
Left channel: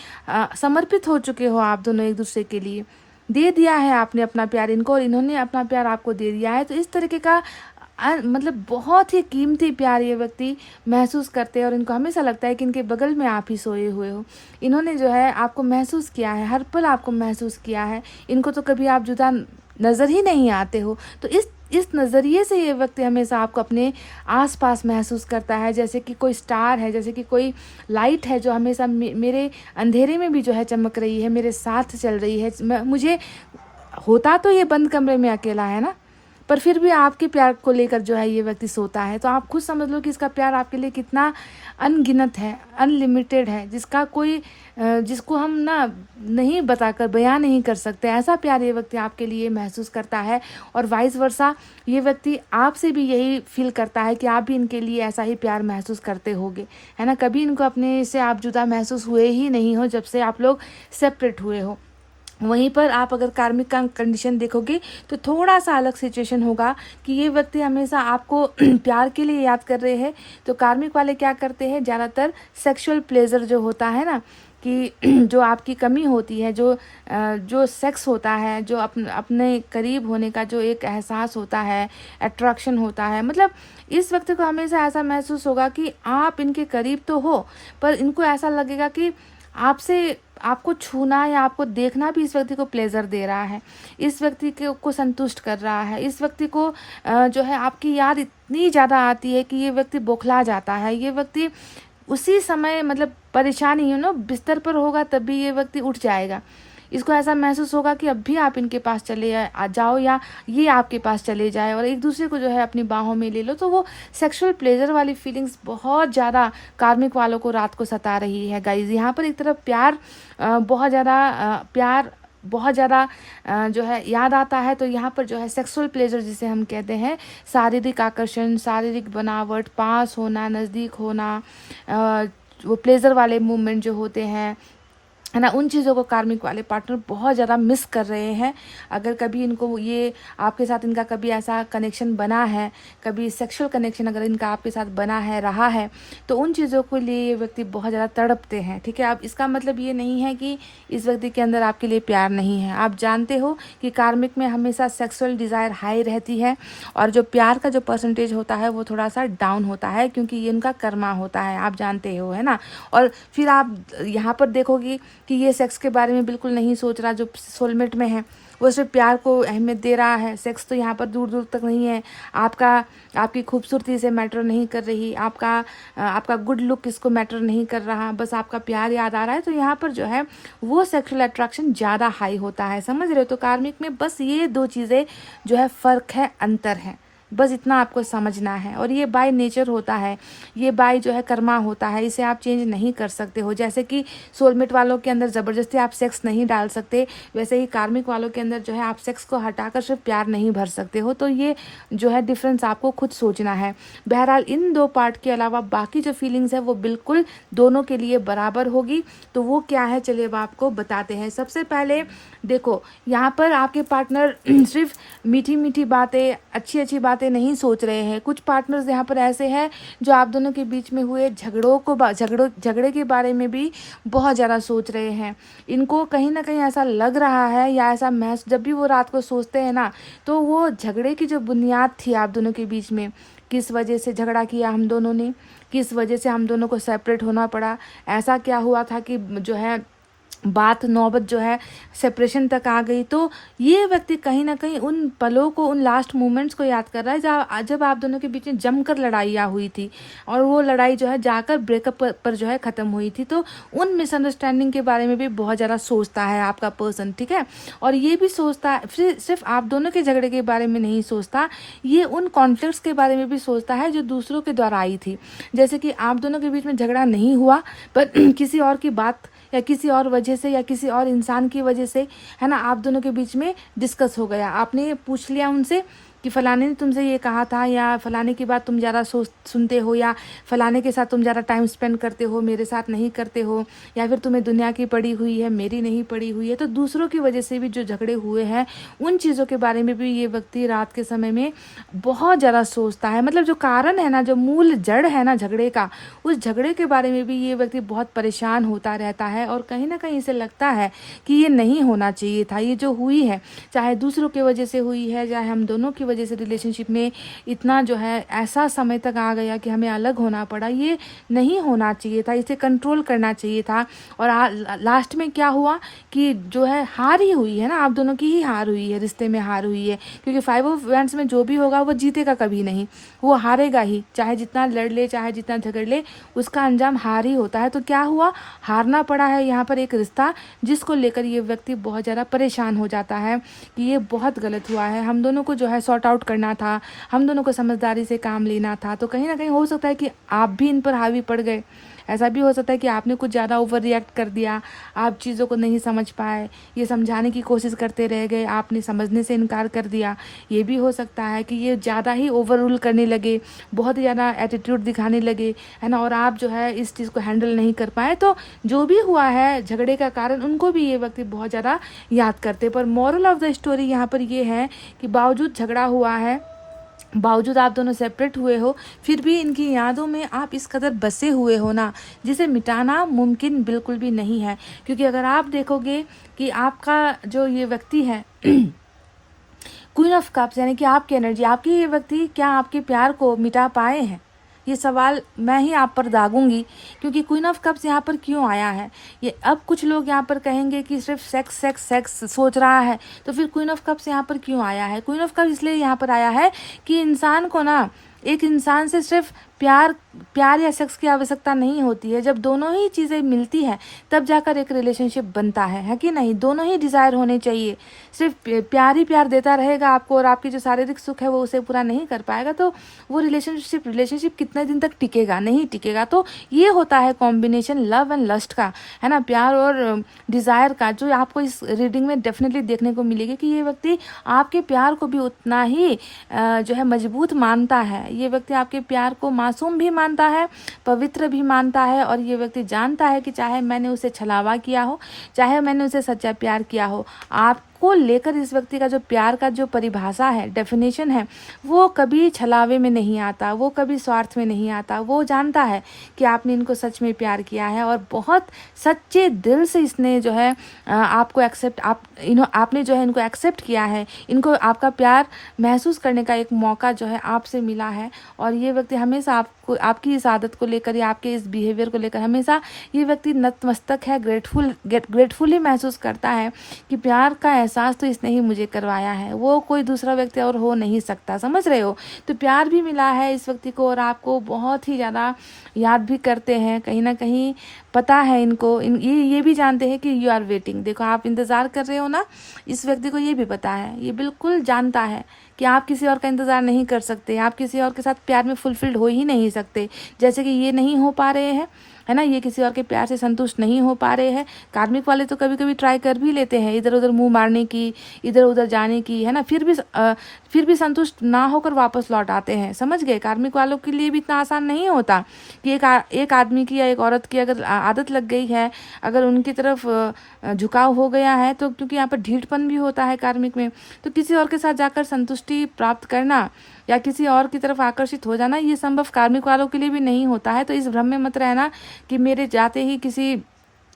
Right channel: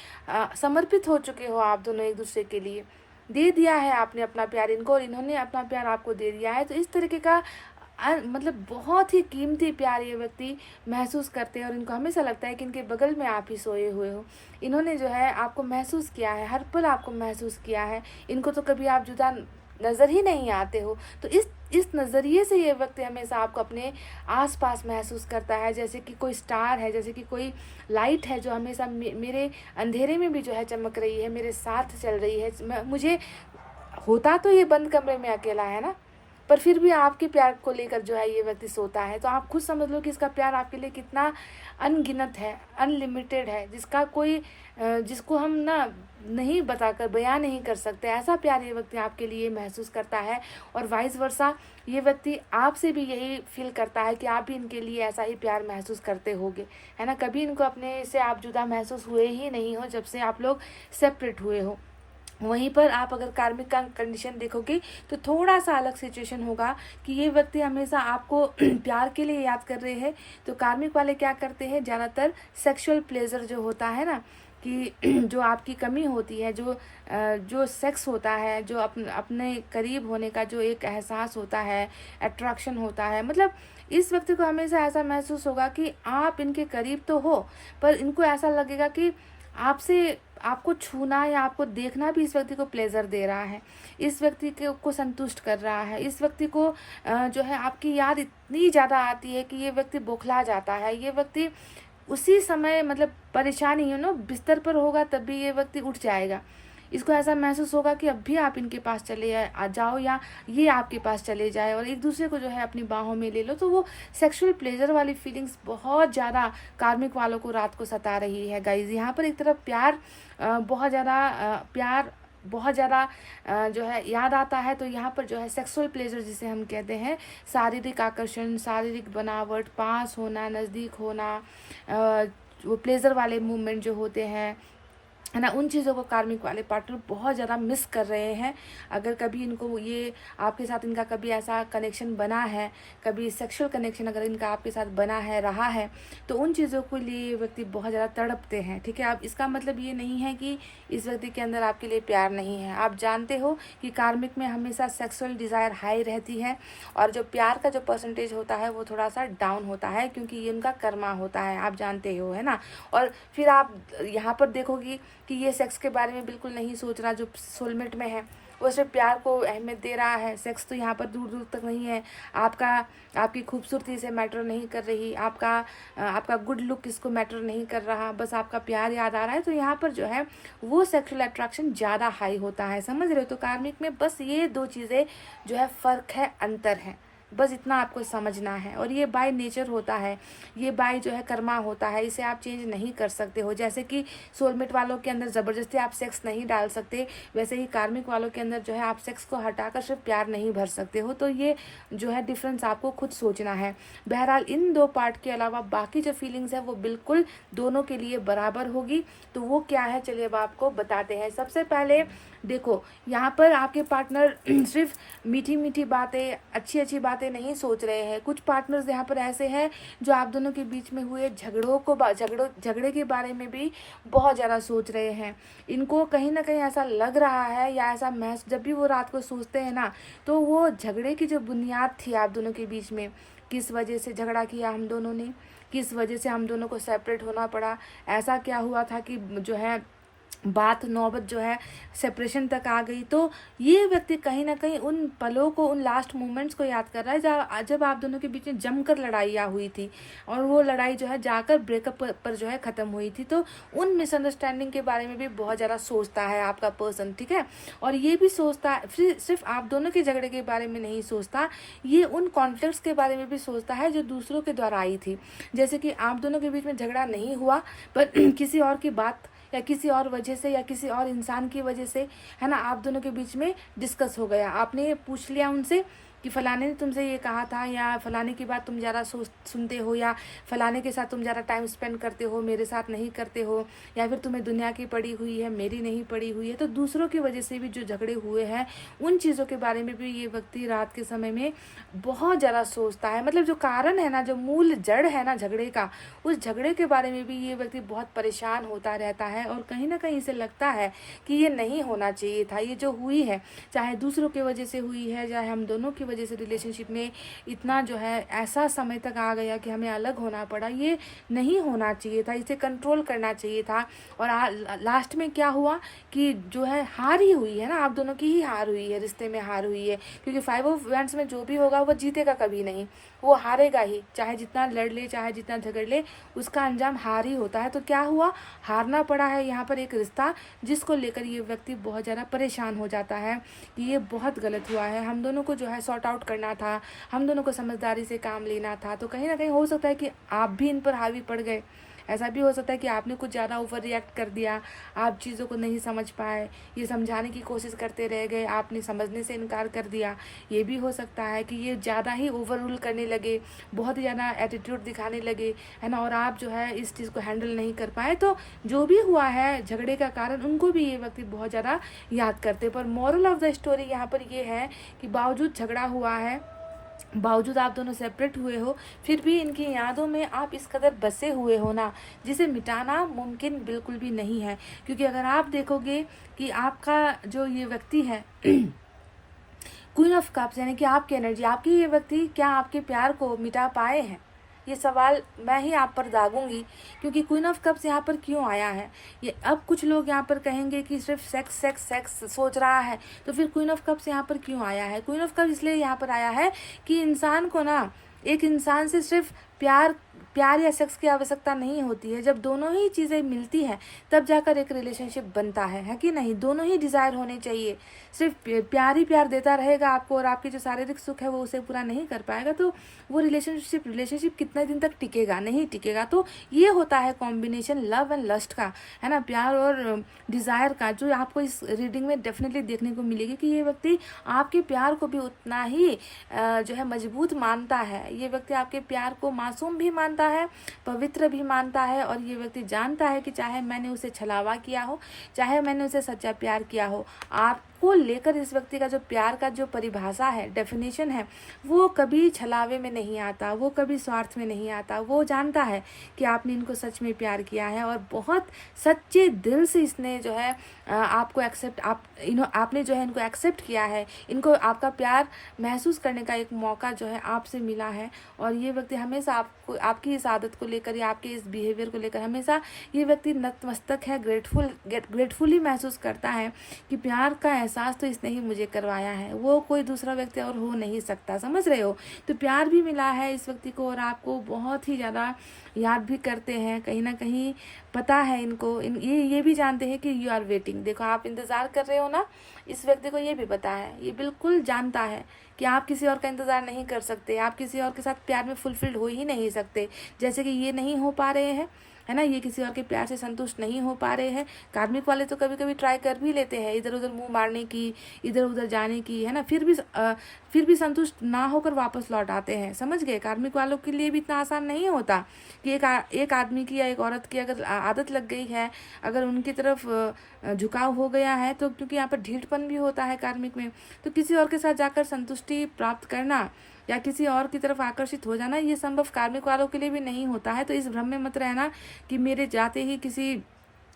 समर्पित हो चुके हो आप दोनों एक दूसरे के लिए, दे दिया है आपने अपना प्यार इनको और इन्होंने अपना प्यार आपको दे दिया है। तो इस तरीके का मतलब बहुत ही कीमती प्यार ये व्यक्ति महसूस करते हैं और इनको हमेशा लगता है कि इनके बगल में आप ही सोए हुए हो। इन्होंने जो है आपको महसूस किया है, हर पल आपको महसूस किया है। इनको तो कभी आप जुदा नज़र ही नहीं आते हो। तो इस नज़रिए से ये व्यक्ति हमेशा आपको अपने आसपास महसूस करता है, जैसे कि कोई स्टार है, जैसे कि कोई लाइट है जो हमेशा मेरे अंधेरे में भी जो है चमक रही है, मेरे साथ चल रही है। मुझे होता तो ये बंद कमरे में अकेला है ना, पर फिर भी आपके प्यार को लेकर जो है ये व्यक्ति सोता है। तो आप खुद समझ लो कि इसका प्यार आपके लिए कितना अनगिनत है, अनलिमिटेड है, जिसको हम ना नहीं बताकर बयान नहीं कर सकते। ऐसा प्यार ये व्यक्ति आपके लिए महसूस करता है और वाइस वर्सा ये व्यक्ति आपसे भी यही फील करता है कि आप भी इनके लिए ऐसा ही प्यार महसूस करते होगे, है ना। कभी इनको अपने से आप जुदा महसूस हुए ही नहीं हो जब से आप लोग सेपरेट हुए हो। वहीं पर आप अगर कार्मिक का कंडीशन देखोगे तो थोड़ा सा अलग सिचुएशन होगा कि ये व्यक्ति हमेशा आपको प्यार के लिए याद कर रहे हैं। तो कार्मिक वाले क्या करते हैं, ज़्यादातर सेक्सुअल प्लेजर जो होता है ना, कि जो आपकी कमी होती है, जो सेक्स होता है, जो अपने करीब होने का जो एक एहसास होता है, अट्रैक्शन होता है, मतलब इस व्यक्ति को हमेशा ऐसा महसूस होगा कि आप इनके करीब तो हो, पर इनको ऐसा लगेगा कि आपसे आपको छूना या आपको देखना भी इस व्यक्ति को प्लेजर दे रहा है, इस व्यक्ति को संतुष्ट कर रहा है, इस व्यक्ति को जो है आपकी याद इतनी ज़्यादा आती है कि ये व्यक्ति बौखला जाता है। ये व्यक्ति उसी समय मतलब परेशानी बिस्तर पर होगा तब भी ये व्यक्ति उठ जाएगा। इसको ऐसा महसूस होगा कि अब भी आप इनके पास चले आ जाओ या ये आपके पास चले जाए और एक दूसरे को जो है अपनी बाहों में ले लो। तो वो सेक्सुअल प्लेजर वाली फीलिंग्स बहुत ज़्यादा कार्मिक वालों को रात को सता रही है गाइज। यहाँ पर एक तरफ प्यार बहुत ज़्यादा जो है याद आता है, तो यहाँ पर जो है सेक्सुअल प्लेजर जिसे हम कहते हैं, शारीरिक आकर्षण, शारीरिक बनावट, पास होना, नज़दीक होना, वो प्लेजर वाले मूवमेंट जो होते हैं है ना, उन चीज़ों को कार्मिक वाले पार्टनर बहुत ज़्यादा मिस कर रहे हैं। अगर कभी इनको ये आपके साथ इनका कभी ऐसा कनेक्शन बना है, कभी सेक्सुअल कनेक्शन अगर इनका आपके साथ बना है रहा है, तो उन चीज़ों को लिए ये व्यक्ति बहुत ज़्यादा तड़पते हैं। ठीक है, अब इसका मतलब ये नहीं है कि इस व्यक्ति के अंदर आपके लिए प्यार नहीं है। आप जानते हो कि कार्मिक में हमेशा सेक्सुअल डिज़ायर हाई रहती है और जो प्यार का जो परसेंटेज होता है वो थोड़ा सा डाउन होता है, क्योंकि ये उनका कर्मा होता है, आप जानते हो, है ना। और फिर आप यहाँ पर देखोगे कि ये सेक्स के बारे में बिल्कुल नहीं सोच रहा। जो सोलमेट में है वो सिर्फ प्यार को अहमियत दे रहा है, सेक्स तो यहाँ पर दूर दूर तक नहीं है। आपकी खूबसूरती से मैटर नहीं कर रही, आपका गुड लुक इसको मैटर नहीं कर रहा, बस आपका प्यार याद आ रहा है। तो यहाँ पर जो है वो सेक्सुअल अट्रैक्शन ज़्यादा हाई होता है, समझ रहे हो। तो कार्मिक में बस ये दो चीज़ें जो है फ़र्क है, अंतर है, बस इतना आपको समझना है। और ये बाय नेचर होता है, ये बाय जो है कर्मा होता है, इसे आप चेंज नहीं कर सकते हो। जैसे कि सोलमेट वालों के अंदर ज़बरदस्ती आप सेक्स नहीं डाल सकते, वैसे ही कार्मिक वालों के अंदर जो है आप सेक्स को हटाकर सिर्फ प्यार नहीं भर सकते हो। तो ये जो है डिफरेंस आपको खुद सोचना है। बहरहाल इन दो पार्ट के अलावा बाकी जो फीलिंग्स है वो बिल्कुल दोनों के लिए बराबर होगी। तो वो क्या है, चलिए अब आपको बताते हैं। सबसे पहले देखो, यहाँ पर आपके पार्टनर सिर्फ मीठी मीठी बातें, अच्छी अच्छी बातें नहीं सोच रहे हैं। कुछ पार्टनर्स यहाँ पर ऐसे हैं जो आप दोनों के बीच में हुए झगड़े के बारे में भी बहुत ज़्यादा सोच रहे हैं। इनको कहीं ना कहीं ऐसा लग रहा है या ऐसा महसूस, जब भी वो रात को सोचते हैं ना, तो वो झगड़े की जो बुनियाद थी आप दोनों के बीच में, किस वजह से झगड़ा किया हम दोनों ने, किस वजह से हम दोनों को सेपरेट होना पड़ा, ऐसा क्या हुआ था कि जो है बात नौबत जो है सेपरेशन तक आ गई। तो ये व्यक्ति कहीं ना कहीं उन पलों को, उन लास्ट मोमेंट्स को याद कर रहा है जब आप दोनों के बीच में जमकर लड़ाइयाँ हुई थी और वो लड़ाई जो है जाकर ब्रेकअप पर जो है ख़त्म हुई थी। तो उन मिसअंडरस्टैंडिंग के बारे में भी बहुत ज़्यादा सोचता है आपका पर्सन, ठीक है। और ये भी सोचता है, सिर्फ आप दोनों के झगड़े के बारे में नहीं सोचता, ये उन कॉन्फ्लिक्ट्स के बारे में भी सोचता है जो दूसरों के द्वारा आई थी। जैसे कि आप दोनों के बीच में झगड़ा नहीं हुआ, पर किसी और की बात या किसी और वजह से या किसी और इंसान की वजह से, है ना, आप दोनों के बीच में डिस्कस हो गया। आपने ये पूछ लिया उनसे कि फ़लाने ने तुमसे ये कहा था, या फ़लाने की बात तुम ज़्यादा सुनते हो, या फ़लाने के साथ तुम ज़्यादा टाइम स्पेंड करते हो, मेरे साथ नहीं करते हो, या फिर तुम्हें दुनिया की पड़ी हुई है, मेरी नहीं पड़ी हुई है। तो दूसरों की वजह से भी जो झगड़े हुए हैं उन चीज़ों के बारे में भी ये व्यक्ति रात के समय में बहुत ज़्यादा सोचता है। मतलब जो कारण है ना, जो मूल जड़ है ना झगड़े का, उस झगड़े के बारे में भी ये व्यक्ति बहुत परेशान होता रहता है। और कहीं ना कहीं इसे लगता है कि ये नहीं होना चाहिए था, ये जो हुई है, चाहे दूसरों की वजह से हुई है, चाहे हम दोनों की वजह से रिलेशनशिप में इतना जो है ऐसा समय तक आ गया कि हमें अलग होना पड़ा, ये नहीं होना चाहिए था, इसे कंट्रोल करना चाहिए था। और लास्ट में क्या हुआ कि जो है हार ही हुई है ना, आप दोनों की ही हार हुई है, रिश्ते में हार हुई है। क्योंकि 5 ऑफ वैंड्स में जो भी होगा वो जीतेगा कभी नहीं, वो हारेगा ही, चाहे जितना लड़ ले, चाहे जितना झगड़ ले, उसका अंजाम हार ही होता है। तो क्या हुआ, हारना पड़ा है यहाँ पर एक रिश्ता, जिसको लेकर ये व्यक्ति बहुत ज़्यादा परेशान हो जाता है कि ये बहुत गलत हुआ है, हम दोनों को जो है सॉर्ट आउट करना था, हम दोनों को समझदारी से काम लेना था। तो कहीं ना कहीं हो सकता है कि आप भी इन पर हावी पड़ गए, ऐसा भी हो सकता है कि आपने कुछ ज़्यादा ओवर रिएक्ट कर दिया, आप चीज़ों को नहीं समझ पाए, ये समझाने की कोशिश करते रह गए, आपने समझने से इनकार कर दिया। ये भी हो सकता है कि ये ज़्यादा ही ओवर रूल करने लगे, बहुत ही ज़्यादा एटीट्यूड दिखाने लगे, है ना, और आप जो है इस चीज़ को हैंडल नहीं कर पाए। तो जो भी हुआ है झगड़े का कारण, उनको भी ये व्यक्ति बहुत ज़्यादा याद करते। पर मॉरल ऑफ द स्टोरी यहाँ पर ये है कि बावजूद झगड़ा हुआ है, बावजूद आप दोनों सेपरेट हुए हो, फिर भी इनकी यादों में आप इस कदर बसे हुए हो ना, जिसे मिटाना मुमकिन बिल्कुल भी नहीं है। क्योंकि अगर आप देखोगे कि आपका जो ये व्यक्ति है क्वीन ऑफ कप्स, यानी कि आपकी एनर्जी, आपकी ये व्यक्ति क्या आपके प्यार को मिटा पाए हैं? ये सवाल मैं ही आप पर दागूंगी, क्योंकि क्वीन ऑफ कप्स यहाँ पर क्यों आया है। ये अब कुछ लोग यहाँ पर कहेंगे कि सिर्फ सेक्स सेक्स सेक्स सोच रहा है, तो फिर क्वीन ऑफ कप्स यहाँ पर क्यों आया है। क्वीन ऑफ कप्स इसलिए यहाँ पर आया है कि इंसान को ना, एक इंसान से सिर्फ प्यार प्यार या सेक्स की आवश्यकता नहीं होती है। जब दोनों ही चीज़ें मिलती हैं तब जाकर एक रिलेशनशिप बनता है कि नहीं। दोनों ही डिज़ायर होने चाहिए। सिर्फ प्यार ही प्यार देता रहेगा आपको और आपकी जो शारीरिक सुख है वो उसे पूरा नहीं कर पाएगा, तो वो रिलेशनशिप कितने दिन तक टिकेगा, नहीं टिकेगा। तो ये होता है कॉम्बिनेशन लव एंड लस्ट का, है ना, प्यार और डिज़ायर का, जो आपको इस रीडिंग में डेफिनेटली देखने को मिलेगी कि ये व्यक्ति आपके प्यार को भी उतना ही जो है मजबूत मानता है। ये व्यक्ति आपके प्यार को मासूम भी मानता है, पवित्र भी मानता है, और ये व्यक्ति जानता है कि चाहे मैंने उसे छलावा किया हो, चाहे मैंने उसे सच्चा प्यार किया हो, आपको लेकर इस व्यक्ति का जो प्यार का जो परिभाषा है, डेफिनेशन है, वो कभी छलावे में नहीं आता, वो कभी स्वार्थ में नहीं आता। वो जानता है कि आपने इनको सच में प्यार किया है और बहुत सच्चे दिल से इसने जो है आपको आपने जो है इनको एक्सेप्ट किया है। इनको आपका प्यार महसूस करने का एक मौका जो है आपसे मिला है, और ये व्यक्ति हमेशा आपको, आपकी इस आदत को लेकर या आपके इस बिहेवियर को लेकर हमेशा ये व्यक्ति नतमस्तक है, ग्रेटफुली महसूस करता है कि प्यार का एहसास तो इसने ही मुझे करवाया है, वो कोई दूसरा व्यक्ति और हो नहीं सकता। समझ रहे हो। तो प्यार भी मिला है इस व्यक्ति को और आपको बहुत ही ज़्यादा याद भी करते हैं। कहीं ना कहीं पता है इनको, ये भी जानते हैं कि यू आर वेटिंग। देखो, आप इंतज़ार कर रहे हो ना, इस व्यक्ति को ये भी पता है, ये बिल्कुल जानता है कि आप किसी और का इंतज़ार नहीं कर सकते, आप किसी और के साथ प्यार में फुलफिल्ड हो ही नहीं सकते। जैसे कि ये नहीं हो पा रहे हैं, है ना, ये किसी और के प्यार से संतुष्ट नहीं हो पा रहे हैं। कार्मिक वाले तो कभी कभी ट्राई कर भी लेते हैं इधर उधर मुंह मारने की, इधर उधर जाने की, है ना, फिर भी संतुष्ट ना होकर वापस लौट आते हैं। समझ गए। कार्मिक वालों के लिए भी इतना आसान नहीं होता कि एक आदमी की या एक औरत की अगर आदत लग गई है, अगर उनकी तरफ झुकाव हो गया है, तो क्योंकि यहाँ पर ढीठपन भी होता है कार्मिक में, तो किसी और के साथ जाकर संतुष्टि प्राप्त करना या किसी और की तरफ आकर्षित हो जाना, ये संभव कार्मिक वालों के लिए भी नहीं होता है। तो इस भ्रम में मत रहना कि मेरे जाते ही किसी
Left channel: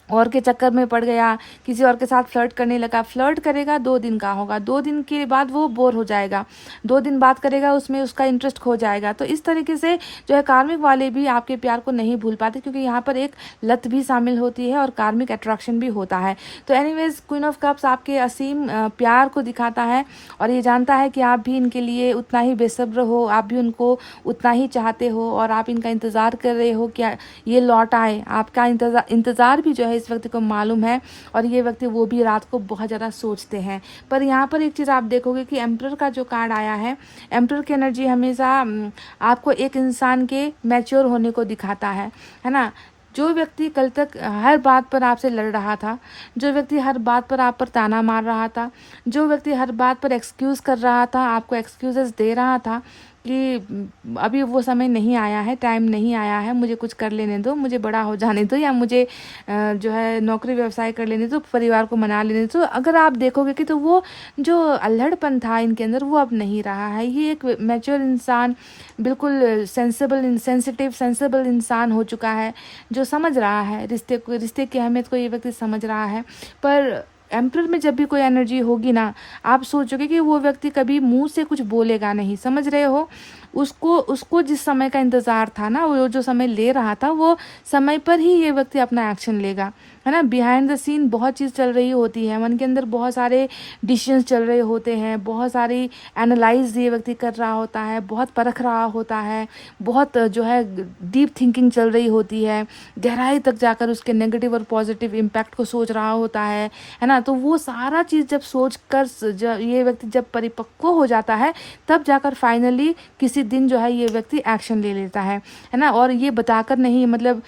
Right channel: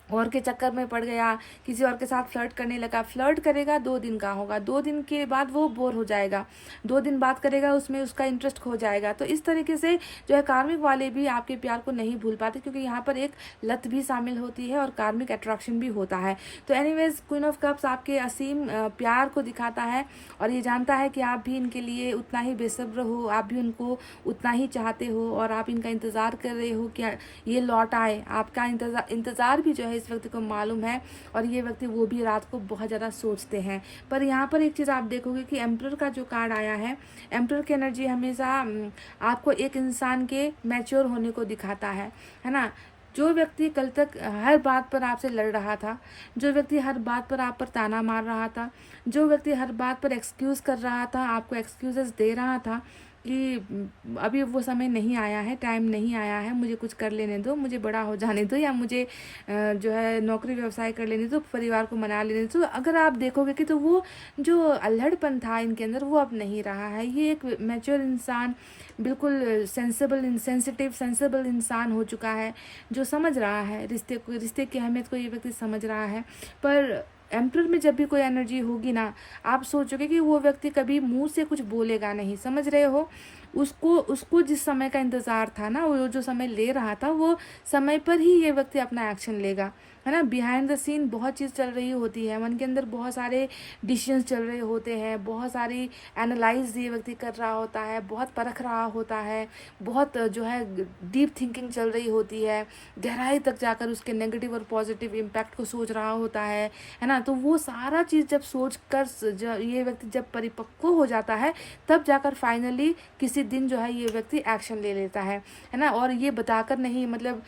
और के चक्कर में पड़ गया, किसी और के साथ फ्लर्ट करने लगा। फ्लर्ट करेगा 2 दिन का होगा, 2 दिन के बाद वो बोर हो जाएगा, 2 दिन बात करेगा, उसमें उसका इंटरेस्ट खो जाएगा। तो इस तरीके से जो है कार्मिक वाले भी आपके प्यार को नहीं भूल पाते, क्योंकि यहाँ पर एक लत भी शामिल होती है और कार्मिक अट्रैक्शन भी होता है। तो एनीवेज, क्वीन ऑफ कप्स आपके असीम प्यार को दिखाता है और ये जानता है कि आप भी इनके लिए उतना ही बेसब्र हो, आप भी उनको उतना ही चाहते हो और आप इनका इंतज़ार कर रहे हो कि ये लौट आए। आपका इंतज़ार भी जो है इस व्यक्ति को मालूम है, और ये व्यक्ति वो भी रात को बहुत ज़्यादा सोचते हैं। पर यहाँ पर एक चीज़ आप देखोगे कि एम्परर का जो कार्ड आया है, एम्परर की एनर्जी हमेशा आपको एक इंसान के मैच्योर होने को दिखाता है ना। जो व्यक्ति कल तक हर बात पर आपसे लड़ रहा था, जो व्यक्ति हर बात पर आप पर ताना मार रहा था, जो व्यक्ति हर बात पर एक्सक्यूज़ कर रहा था, आपको एक्सक्यूजेस दे रहा था कि अभी वो समय नहीं आया है, टाइम नहीं आया है, मुझे कुछ कर लेने दो, मुझे बड़ा हो जाने दो, या मुझे जो है नौकरी व्यवसाय कर लेने दो, परिवार को मना लेने दो। अगर आप देखोगे कि तो वो जो अल्हड़पन था इनके अंदर वो अब नहीं रहा है। ये एक मैच्योर इंसान, बिल्कुल सेंसिबल इंसान हो चुका है, जो समझ रहा है रिश्ते की अहमियत को। ये व्यक्ति समझ रहा है। पर एम्परर में जब भी कोई एनर्जी होगी ना, आप सोचोगे कि वो व्यक्ति कभी मुंह से कुछ बोलेगा नहीं। समझ रहे हो। उसको जिस समय का इंतज़ार था ना, वो जो समय ले रहा था, वो समय पर ही ये व्यक्ति अपना एक्शन लेगा, है ना। बिहाइंड द सीन बहुत चीज़ चल रही होती है, मन के अंदर बहुत सारे डिसीजंस चल रहे होते हैं, बहुत सारी एनालाइज ये व्यक्ति कर रहा होता है, बहुत परख रहा होता है, बहुत जो है डीप थिंकिंग चल रही होती है, गहराई तक जाकर उसके नेगेटिव और पॉजिटिव इम्पैक्ट को सोच रहा होता है ना। तो वो सारा चीज़ जब सोच कर ये व्यक्ति जब परिपक्व हो जाता है, तब जाकर फाइनली किसी दिन जो है ये व्यक्ति एक्शन ले लेता है ना। और ये बताकर नहीं, मतलब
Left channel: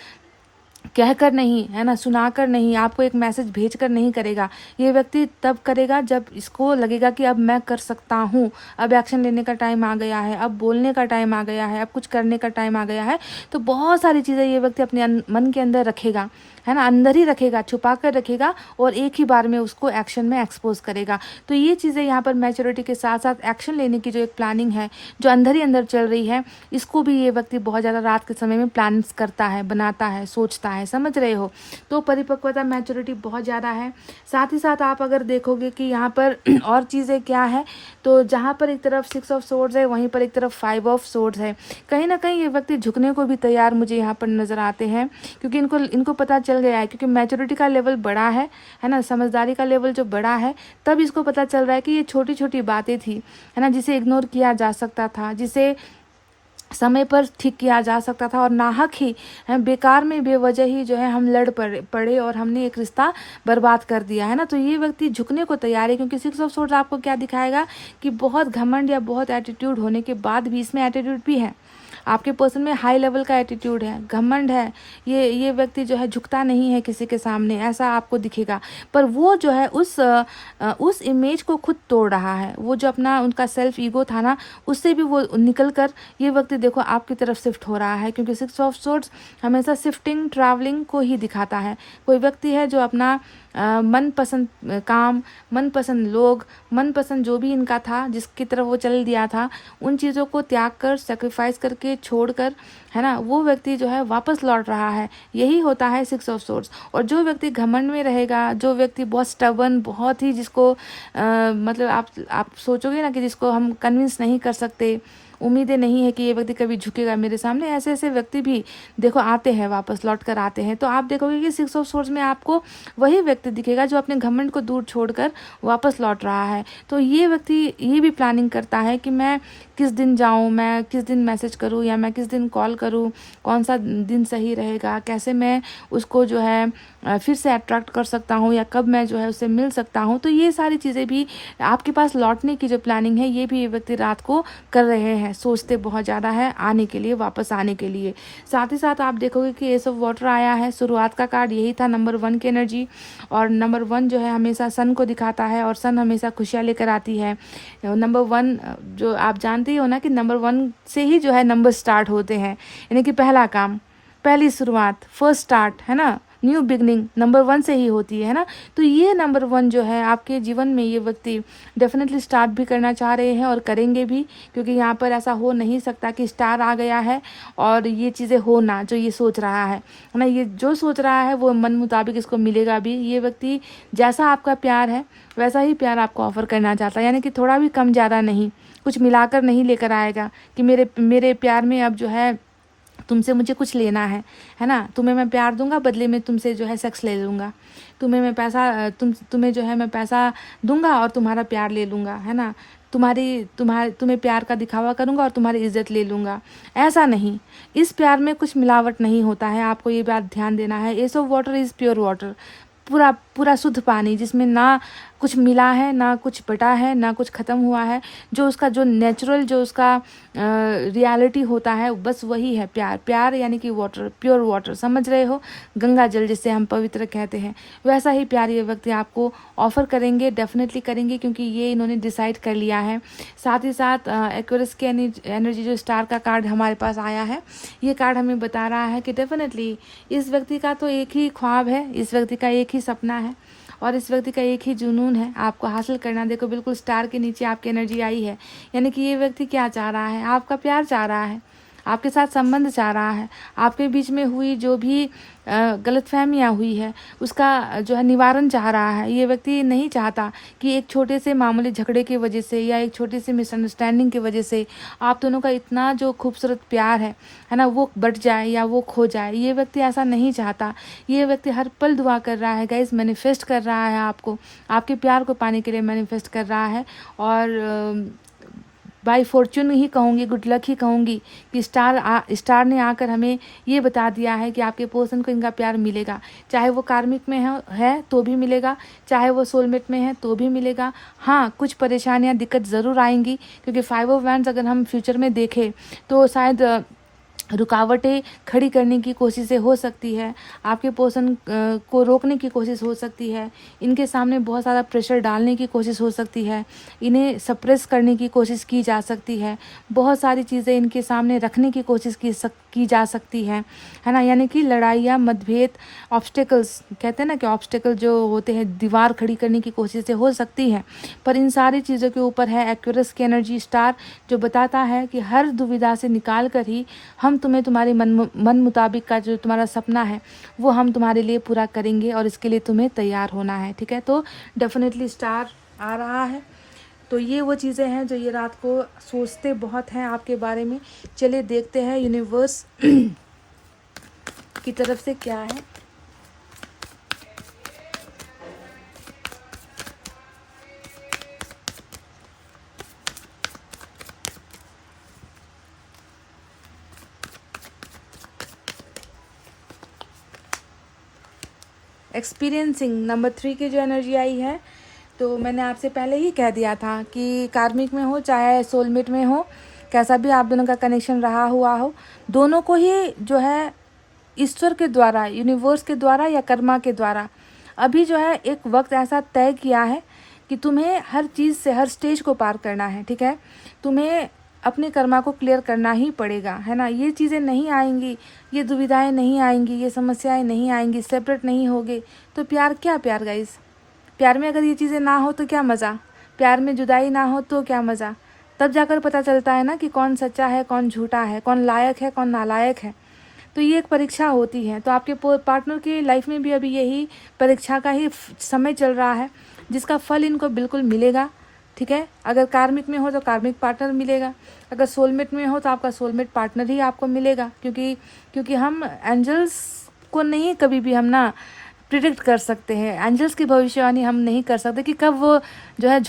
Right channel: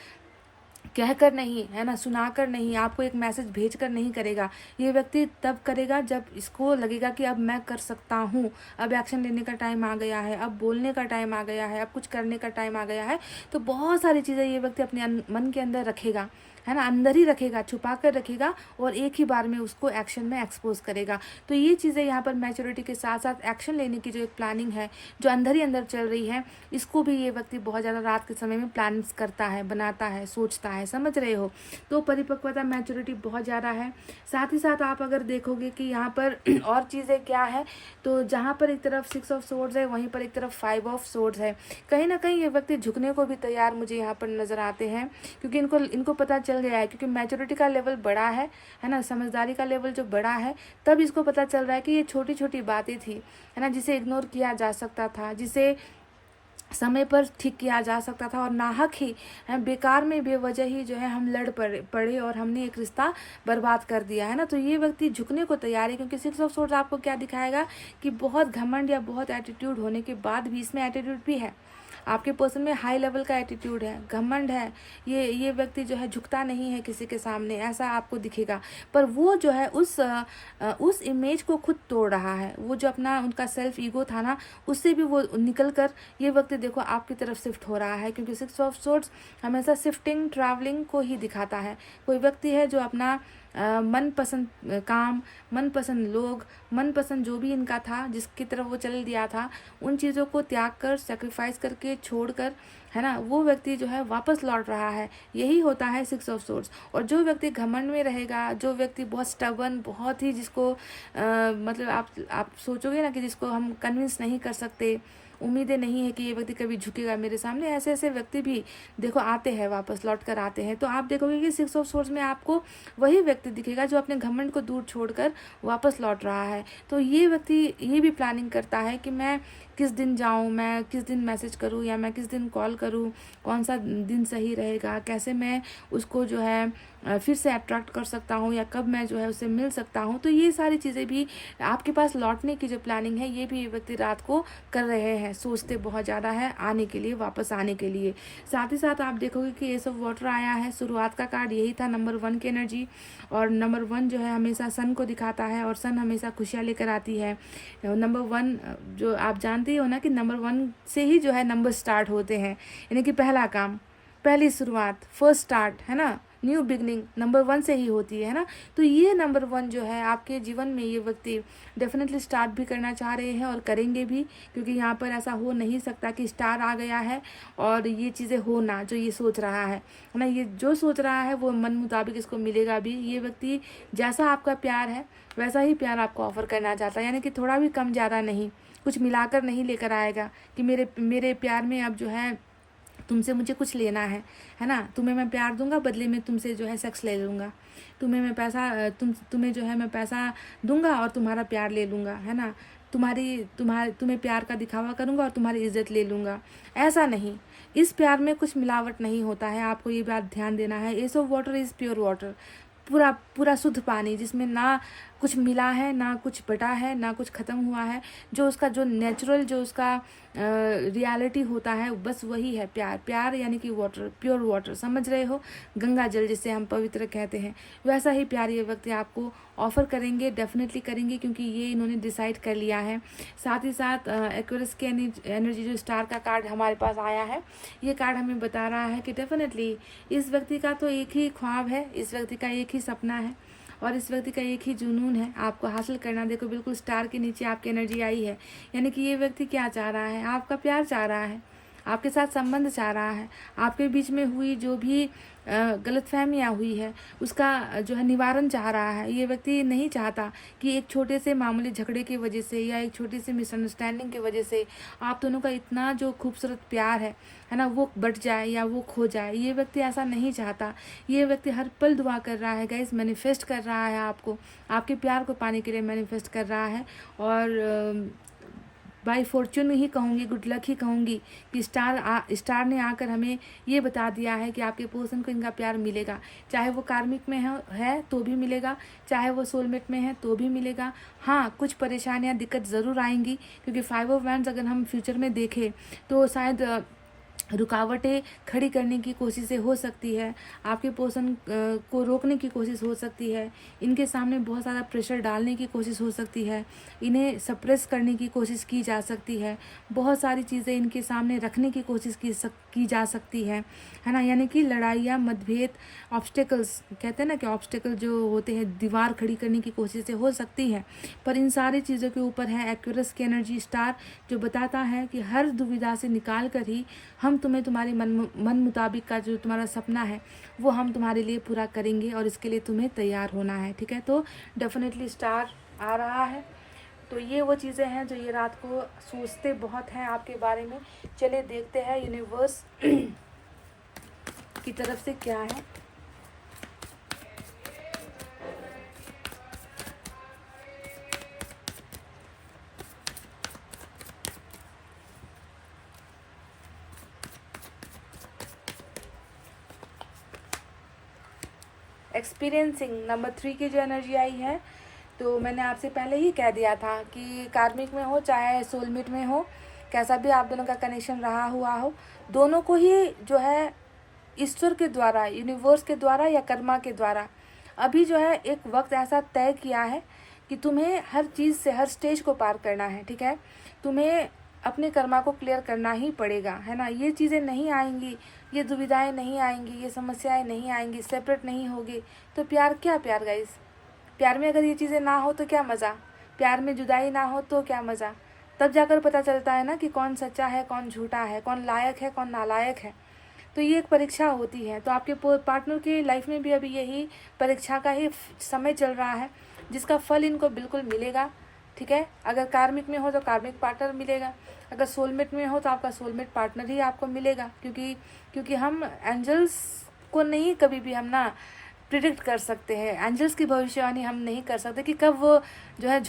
कहकर नहीं, है ना, सुनाकर नहीं, आपको एक मैसेज भेजकर नहीं करेगा। ये व्यक्ति तब करेगा जब इसको लगेगा कि अब मैं कर सकता हूँ, अब एक्शन लेने का टाइम आ गया है, अब बोलने का टाइम आ गया है, अब कुछ करने का टाइम आ गया है। तो बहुत सारी चीज़ें ये व्यक्ति अपने मन के अंदर रखेगा, है ना, अंदर ही रखेगा, छुपा कर रखेगा और एक ही बार में उसको एक्शन में एक्सपोज करेगा। तो ये चीज़ें यहाँ पर मैच्योरिटी के साथ साथ एक्शन लेने की जो एक प्लानिंग है जो अंदर ही अंदर चल रही है, इसको भी ये व्यक्ति बहुत ज़्यादा रात के समय में प्लान्स करता है, बनाता है, सोचता है, समझ रहे हो। तो परिपक्वता मैच्योरिटी बहुत ज़्यादा है। साथ ही साथ आप अगर देखोगे कि यहाँ पर और चीज़ें क्या है, तो जहाँ पर एक तरफ 6 ऑफ सोर्ड्स है, वहीं पर एक तरफ 5 ऑफ सोर्ड्स है। कहीं ना कहीं ये व्यक्ति झुकने को भी तैयार मुझे यहाँ पर नज़र आते हैं, क्योंकि इनको पता चल गया है, क्योंकि मैच्योरिटी का लेवल बड़ा है ना, समझदारी का लेवल जो बड़ा है, तब इसको पता चल रहा है कि ये छोटी छोटी बातें थी, है ना, जिसे इग्नोर किया जा सकता था, जिसे समय पर ठीक किया जा सकता था, और नाहक ही बेकार में बेवजह ही जो है हम लड़ पड़े और हमने एक रिश्ता बर्बाद कर दिया, है ना। तो ये व्यक्ति झुकने को तैयार है, क्योंकि 6 ऑफ सोर्ड्स आपको क्या दिखाएगा कि बहुत घमंड या बहुत एटीट्यूड होने के बाद भी, इसमें एटीट्यूड भी है, आपके पर्सन में हाई लेवल का एटीट्यूड है, घमंड है, ये व्यक्ति जो है झुकता नहीं है किसी के सामने, ऐसा आपको दिखेगा। पर वो जो है उस इमेज को खुद तोड़ रहा है, वो जो अपना उनका सेल्फ ईगो था ना, उससे भी वो निकल कर ये व्यक्ति देखो आपकी तरफ शिफ्ट हो रहा है, क्योंकि 6 ऑफ सोर्ड्स हमेशा शिफ्टिंग, ट्रैवलिंग को ही दिखाता है। कोई व्यक्ति है जो अपना मनपसंद काम, मनपसंद लोग, मनपसंद जो भी इनका था, जिसकी तरफ वो चल दिया था, उन चीज़ों को त्याग कर, सेक्रीफाइस करके, छोड़कर, है ना, वो व्यक्ति जो है वापस लौट रहा है। यही होता है 6 ऑफ सोर्ड्स। और जो व्यक्ति घमंड में रहेगा, जो व्यक्ति बहुत स्टबर्न, बहुत ही जिसको मतलब आप सोचोगे ना कि जिसको हम कन्विंस नहीं कर सकते, उम्मीदें नहीं है कि ये व्यक्ति कभी झुकेगा मेरे सामने, ऐसे ऐसे व्यक्ति भी देखो आते हैं, वापस लौट कर आते हैं। तो आप देखोगे कि 6 ऑफ सोर्ड्स में आपको वही व्यक्ति दिखेगा जो अपने घमंड को दूर छोड़कर वापस लौट रहा है। तो ये व्यक्ति ये भी प्लानिंग करता है कि मैं किस दिन जाऊं, मैं किस दिन मैसेज करूं, या मैं किस दिन कॉल करूं, कौन सा दिन सही रहेगा, कैसे मैं उसको जो है फिर से अट्रैक्ट कर सकता हूं, या कब मैं जो है उससे मिल सकता हूं। तो ये सारी चीज़ें भी आपके पास लौटने की जो प्लानिंग है, ये भी ये व्यक्ति रात को कर रहे हैं, सोचते बहुत ज़्यादा है आने के लिए, वापस आने के लिए। साथ ही साथ आप देखोगे कि एस ऑफ वाटर आया है, शुरुआत का कार्ड यही था, नंबर 1 की एनर्जी, और नंबर 1 जो है हमेशा सन को दिखाता है, और सन हमेशा खुशियाँ लेकर आती है। नंबर 1 जो आप जानते ही हो ना कि नंबर 1 से ही जो है नंबर स्टार्ट होते हैं, यानी कि पहला काम, पहली शुरुआत, फर्स्ट स्टार्ट, है ना, न्यू बिगनिंग नंबर 1 से ही होती है ना। तो ये नंबर 1 जो है आपके जीवन में ये व्यक्ति डेफिनेटली स्टार्ट भी करना चाह रहे हैं और करेंगे भी, क्योंकि यहाँ पर ऐसा हो नहीं सकता कि स्टार आ गया है और ये चीज़ें हो ना, जो ये सोच रहा है ना, ये जो सोच रहा है वो मन मुताबिक इसको मिलेगा भी। ये व्यक्ति जैसा आपका प्यार है वैसा ही प्यार आपको ऑफर करना चाहता है, यानी कि थोड़ा भी कम ज़्यादा नहीं, कुछ मिलाकर नहीं लेकर आएगा कि मेरे प्यार में अब जो है तुमसे मुझे कुछ लेना है ना, तुम्हें मैं प्यार दूंगा, बदले में तुमसे जो है सेक्स ले लूँगा, तुम्हें मैं पैसा तुम्हें जो है मैं पैसा दूंगा और तुम्हारा प्यार ले लूँगा, है ना, तुम्हें प्यार का दिखावा करूँगा और तुम्हारी इज्जत ले लूँगा। ऐसा नहीं, इस प्यार में कुछ मिलावट नहीं होता है, आपको ये बात ध्यान देना है। S of water is pure water, पूरा शुद्ध पानी, जिसमें ना कुछ मिला है, ना कुछ बटा है, ना कुछ ख़त्म हुआ है, जो उसका जो नेचुरल जो उसका रियलिटी होता है बस वही है प्यार यानी कि वाटर, प्योर वाटर, समझ रहे हो, गंगा जल जिसे हम पवित्र कहते हैं, वैसा ही प्यार ये व्यक्ति आपको ऑफर करेंगे, डेफिनेटली करेंगे, क्योंकि ये इन्होंने डिसाइड कर लिया है। साथ ही साथ एक्वेरियस की एनर्जी जो स्टार का कार्ड हमारे पास आया है, ये कार्ड हमें बता रहा है कि डेफिनेटली इस व्यक्ति का तो एक ही ख्वाब है, इस व्यक्ति का एक ही सपना है, और इस व्यक्ति का एक ही जुनून है आपको हासिल करना। देखो बिल्कुल स्टार के नीचे आपकी एनर्जी आई है, यानी कि ये व्यक्ति क्या चाह रहा है, आपका प्यार चाह रहा है, आपके साथ संबंध चाह रहा है, आपके बीच में हुई जो भी गलतफहमियाँ हुई है उसका जो है निवारण चाह रहा है। ये व्यक्ति नहीं चाहता कि एक छोटे से मामूली झगड़े की वजह से या एक छोटी सी मिसअंडरस्टैंडिंग की वजह से आप दोनों का इतना जो खूबसूरत प्यार है ना, वो बट जाए या वो खो जाए। ये व्यक्ति ऐसा नहीं चाहता, ये व्यक्ति हर पल दुआ कर रहा है गाइस, मैनिफेस्ट कर रहा है आपको, आपके प्यार को पाने के लिए मैनिफेस्ट कर रहा है। और बाई फॉर्चून ही कहूँगी, गुड लक ही कहूँगी कि स्टार ने आकर हमें ये बता दिया है कि आपके पर्सन को इनका प्यार मिलेगा, चाहे वो कार्मिक में है तो भी मिलेगा, चाहे वो सोलमेट में है तो भी मिलेगा। हाँ, कुछ परेशानियाँ दिक्कत ज़रूर आएंगी, क्योंकि 5 ऑफ वैंड्स अगर हम फ्यूचर में देखें तो शायद रुकावटें खड़ी करने की कोशिशें हो सकती है, आपके पोषण को रोकने की कोशिश हो सकती है, इनके सामने बहुत सारा प्रेशर डालने की कोशिश हो सकती है, इन्हें सप्रेस करने की कोशिश की जा सकती है, बहुत सारी चीज़ें इनके सामने रखने की कोशिश की जा सकती है ना। यानी कि लड़ाइयाँ, मतभेद, ऑब्स्टेकल्स, कहते हैं ना कि ऑब्स्टेकल जो होते हैं, दीवार खड़ी करने की कोशिशें हो सकती हैं। पर इन सारी चीज़ों के ऊपर है एक्वेरियस की एनर्जी स्टार, जो बताता है कि हर दुविधा से निकाल कर ही हम तुम्हें तुम्हारे मन मुताबिक का जो तुम्हारा सपना है वो हम तुम्हारे लिए पूरा करेंगे, और इसके लिए तुम्हें तैयार होना है। ठीक है, तो डेफिनेटली स्टार आ रहा है। तो ये वो चीज़ें हैं जो ये रात को सोचते बहुत हैं आपके बारे में। चलिए देखते हैं यूनिवर्स की तरफ से क्या है। एक्सपीरियंसिंग नंबर 3 की जो एनर्जी आई है, तो मैंने आपसे पहले ही कह दिया था कि कार्मिक में हो चाहे सोलमेट में हो, कैसा भी आप दोनों का कनेक्शन रहा हुआ हो, दोनों को ही जो है ईश्वर के द्वारा, यूनिवर्स के द्वारा या कर्मा के द्वारा अभी जो है एक वक्त ऐसा तय किया है कि तुम्हें हर चीज़ से, हर स्टेज को पार करना है। ठीक है, तुम्हें अपने कर्मा को क्लियर करना ही पड़ेगा, है ना। ये चीज़ें नहीं आएंगी, ये दुविधाएं नहीं आएंगी, ये समस्याएं नहीं आएंगी, सेपरेट नहीं होगे तो प्यार क्या प्यार गाइस। प्यार में अगर ये चीज़ें ना हो तो क्या मज़ा, प्यार में जुदाई ना हो तो क्या मज़ा। तब जाकर पता चलता है ना कि कौन सच्चा है, कौन झूठा है, कौन लायक है, कौन नालायक है। तो ये एक परीक्षा होती है। तो आपके पार्टनर की लाइफ में भी अभी यही परीक्षा का ही समय चल रहा है, जिसका फल इनको बिल्कुल मिलेगा। ठीक है, अगर कार्मिक में हो तो कार्मिक पार्टनर मिलेगा, अगर सोलमेट में हो तो आपका सोलमेट पार्टनर ही आपको मिलेगा। क्योंकि हम एंजल्स को नहीं कभी भी हम ना प्रिडिक्ट कर सकते हैं, एंजल्स की भविष्यवाणी हम नहीं कर सकते कि कब वो जो है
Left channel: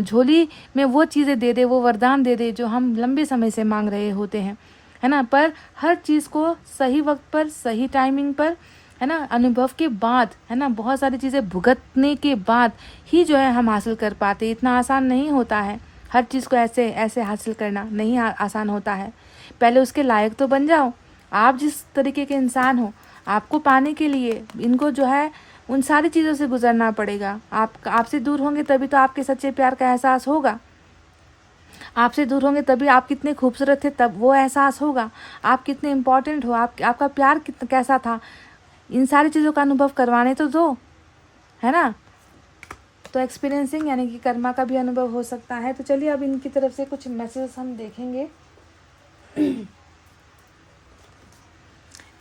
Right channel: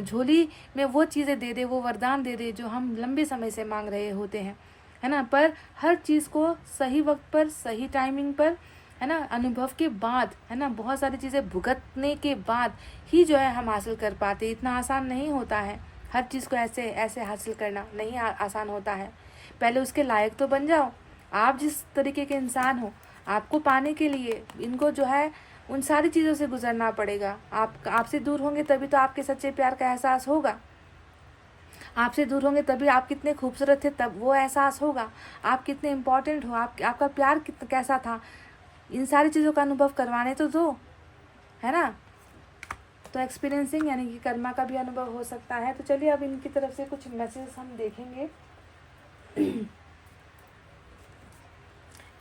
झोली में वो चीज़ें दे दे, वो वरदान दे दे जो हम लंबे समय से मांग रहे होते हैं, है ना। पर हर चीज़ को सही वक्त पर, सही टाइमिंग पर, है ना, अनुभव के बाद, है ना, बहुत सारी चीज़ें भुगतने के बाद ही जो है हम हासिल कर पाते। इतना आसान नहीं होता है, हर चीज़ को ऐसे ऐसे हासिल करना नहीं आसान होता है। पहले उसके लायक तो बन जाओ। आप जिस तरीके के इंसान हो, आपको पाने के लिए इनको जो है उन सारी चीज़ों से गुजरना पड़ेगा। आपसे दूर होंगे तभी तो आपके सच्चे प्यार का एहसास होगा। आपसे दूर होंगे तभी आप कितने खूबसूरत थे तब वो एहसास होगा। आप कितने इम्पोर्टेंट हो, आपका प्यार कैसा था, इन सारी चीज़ों का अनुभव करवाने तो दो, है ना। तो एक्सपीरियंसिंग यानी कि कर्मा का भी अनुभव हो सकता है। तो चलिए अब इनकी तरफ से कुछ मैसेज हम देखेंगे।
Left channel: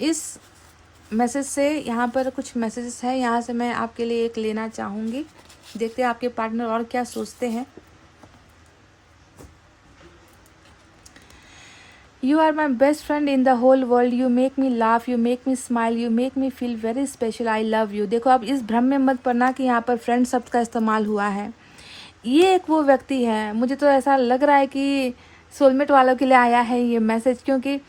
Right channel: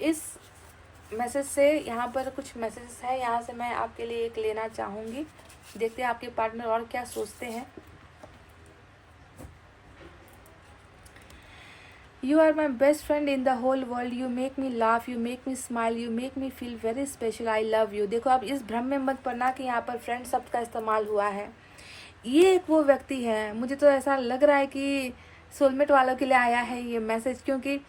इस मैसेज से यहाँ पर कुछ मैसेजेस हैं, यहाँ से मैं आपके लिए एक लेना चाहूँगी। देखते हैं आपके पार्टनर और क्या सोचते हैं। You are my best friend in the whole world. You make me laugh, you make me smile, you make me feel very special. I love you. देखो अब इस भ्रम में मत पड़ना कि यहाँ पर फ्रेंड शब्द का इस्तेमाल हुआ है। ये एक वो व्यक्ति है, मुझे तो ऐसा लग रहा है कि सोलमेट वालों के लिए आया है ये मैसेज, क्योंकि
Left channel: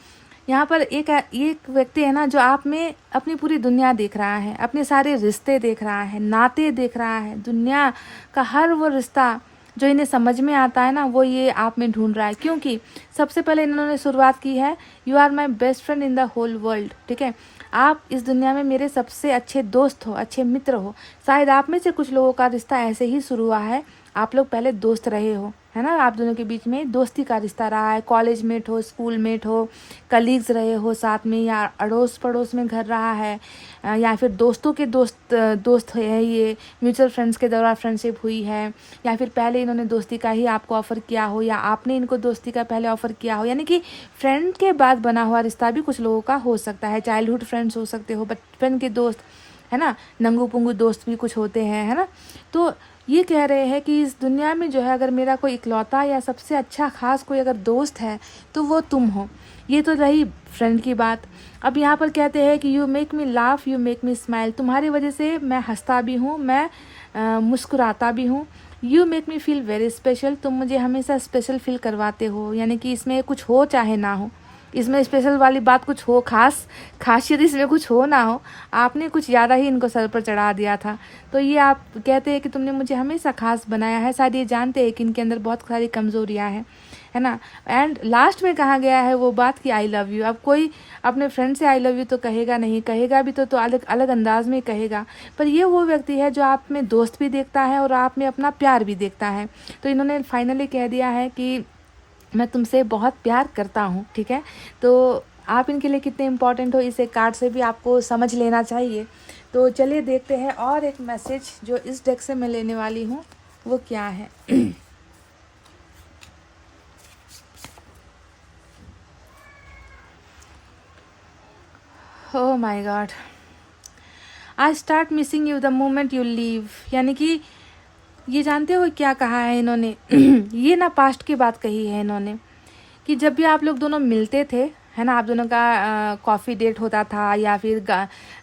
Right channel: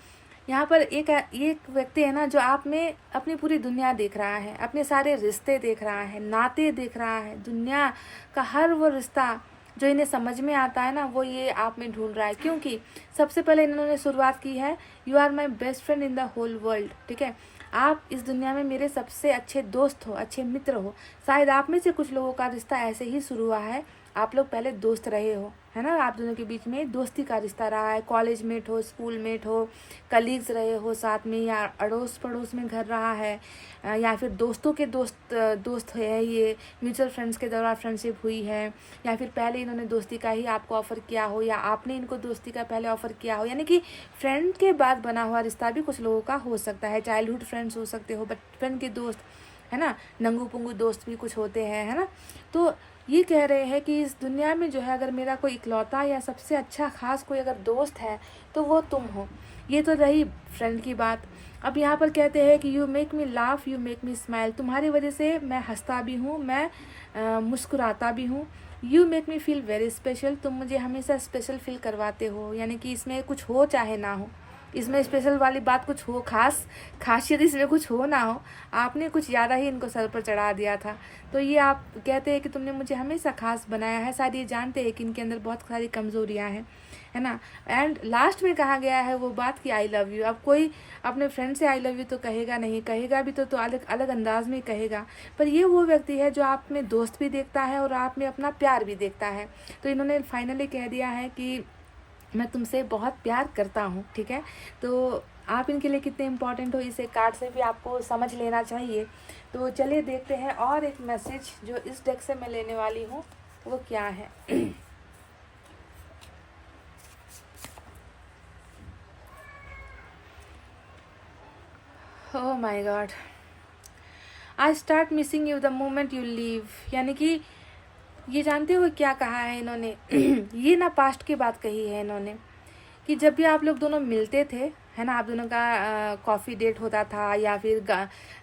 यहाँ पर एक व्यक्ति है ना जो आप में अपनी पूरी दुनिया देख रहा है, अपने सारे रिश्ते देख रहा है, नाते देख रहा है, दुनिया का हर वो रिश्ता जो इन्हें समझ में आता है ना वो ये आप में ढूंढ रहा है। क्योंकि सबसे पहले इन्होंने शुरुआत की है, you are my best friend in the whole world. ठीक है, आप इस दुनिया में मेरे सबसे अच्छे दोस्त हो, अच्छे मित्र हो। शायद आप में से कुछ लोगों का रिश्ता ऐसे ही शुरू हुआ है, आप लोग पहले दोस्त रहे हो, है ना, आप दोनों के बीच में दोस्ती का रिश्ता रहा है। कॉलेज मेट हो, स्कूल मेट हो, कलीग्स रहे हो साथ में, या अड़ोस पड़ोस में घर रहा है, या फिर दोस्तों के दोस्त है, ये म्यूचुअल फ्रेंड्स के द्वारा फ्रेंडशिप हुई है, या फिर पहले इन्होंने दोस्ती का ही आपको ऑफ़र किया हो, या आपने इनको दोस्ती का पहले ऑफ़र किया हो। यानी कि फ्रेंड के बाद बना हुआ रिश्ता भी कुछ लोगों का हो सकता है। चाइल्डहुड फ्रेंड्स हो सकते हो, बचपन के दोस्त, है ना, नंगू पुंगू दोस्त भी कुछ होते हैं, है ना। तो ये कह रहे हैं कि इस दुनिया में जो है अगर मेरा कोई इकलौता या सबसे अच्छा खास कोई अगर दोस्त है तो वो तुम हो। ये तो रही फ्रेंड की बात। अब यहाँ पर कहते हैं कि you make me laugh, you make me smile, तुम्हारी वजह से मैं हंसता भी हूँ, मैं मुस्कुराता भी हूँ। You make me feel very special, तुम मुझे हमेशा स्पेशल फील करवाते हो। यानी कि इसमें कुछ हो चाहे ना हो, इसमें स्पेशल वाली बात कुछ हो, खासियत इसमें कुछ हो ना हो, आपने कुछ ज़्यादा ही इनको सर पर चढ़ा दिया था। तो ये आप कहते हैं कि तुमने मुझे हमेशा खास बनाया है। शायद ये जानते हैं कि इनके अंदर बहुत सारी कमज़ोरियाँ हैं, है ना। एंड लास्ट में कहा गया है वो बात कि आई लव यू। अब कोई अपने फ्रेंड से आई लव यू तो कहेगा नहीं, कहेगा भी तो अलग अलग अंदाज में कहेगा, पर ये वो व्यक्ति है जो आप में दोस्त भी देखता है और आप में अपना प्यार भी देखता है। तो इन्होंने फाइनली कह दिया है कि मैं तुमसे बहुत प्यार करता हूँ, ठीक है। तो आप इनके लिए कितने इम्पोर्टेंट हो इसे कार्ड से भी आपको समझ लेना चाहिए। तो चलिए देखते हैं और एक मैसेज जो इस डेक से मैं लेने वाली हूँ वो क्या है। Oh my God, I start missing you the moment you leave. यानी कि ये जानते हो क्या कहा है इन्होंने? ये ना पास्ट की बात कही है इन्होंने कि जब भी आप लोग दोनों मिलते थे, है ना, आप दोनों का कॉफ़ी डेट होता था या फिर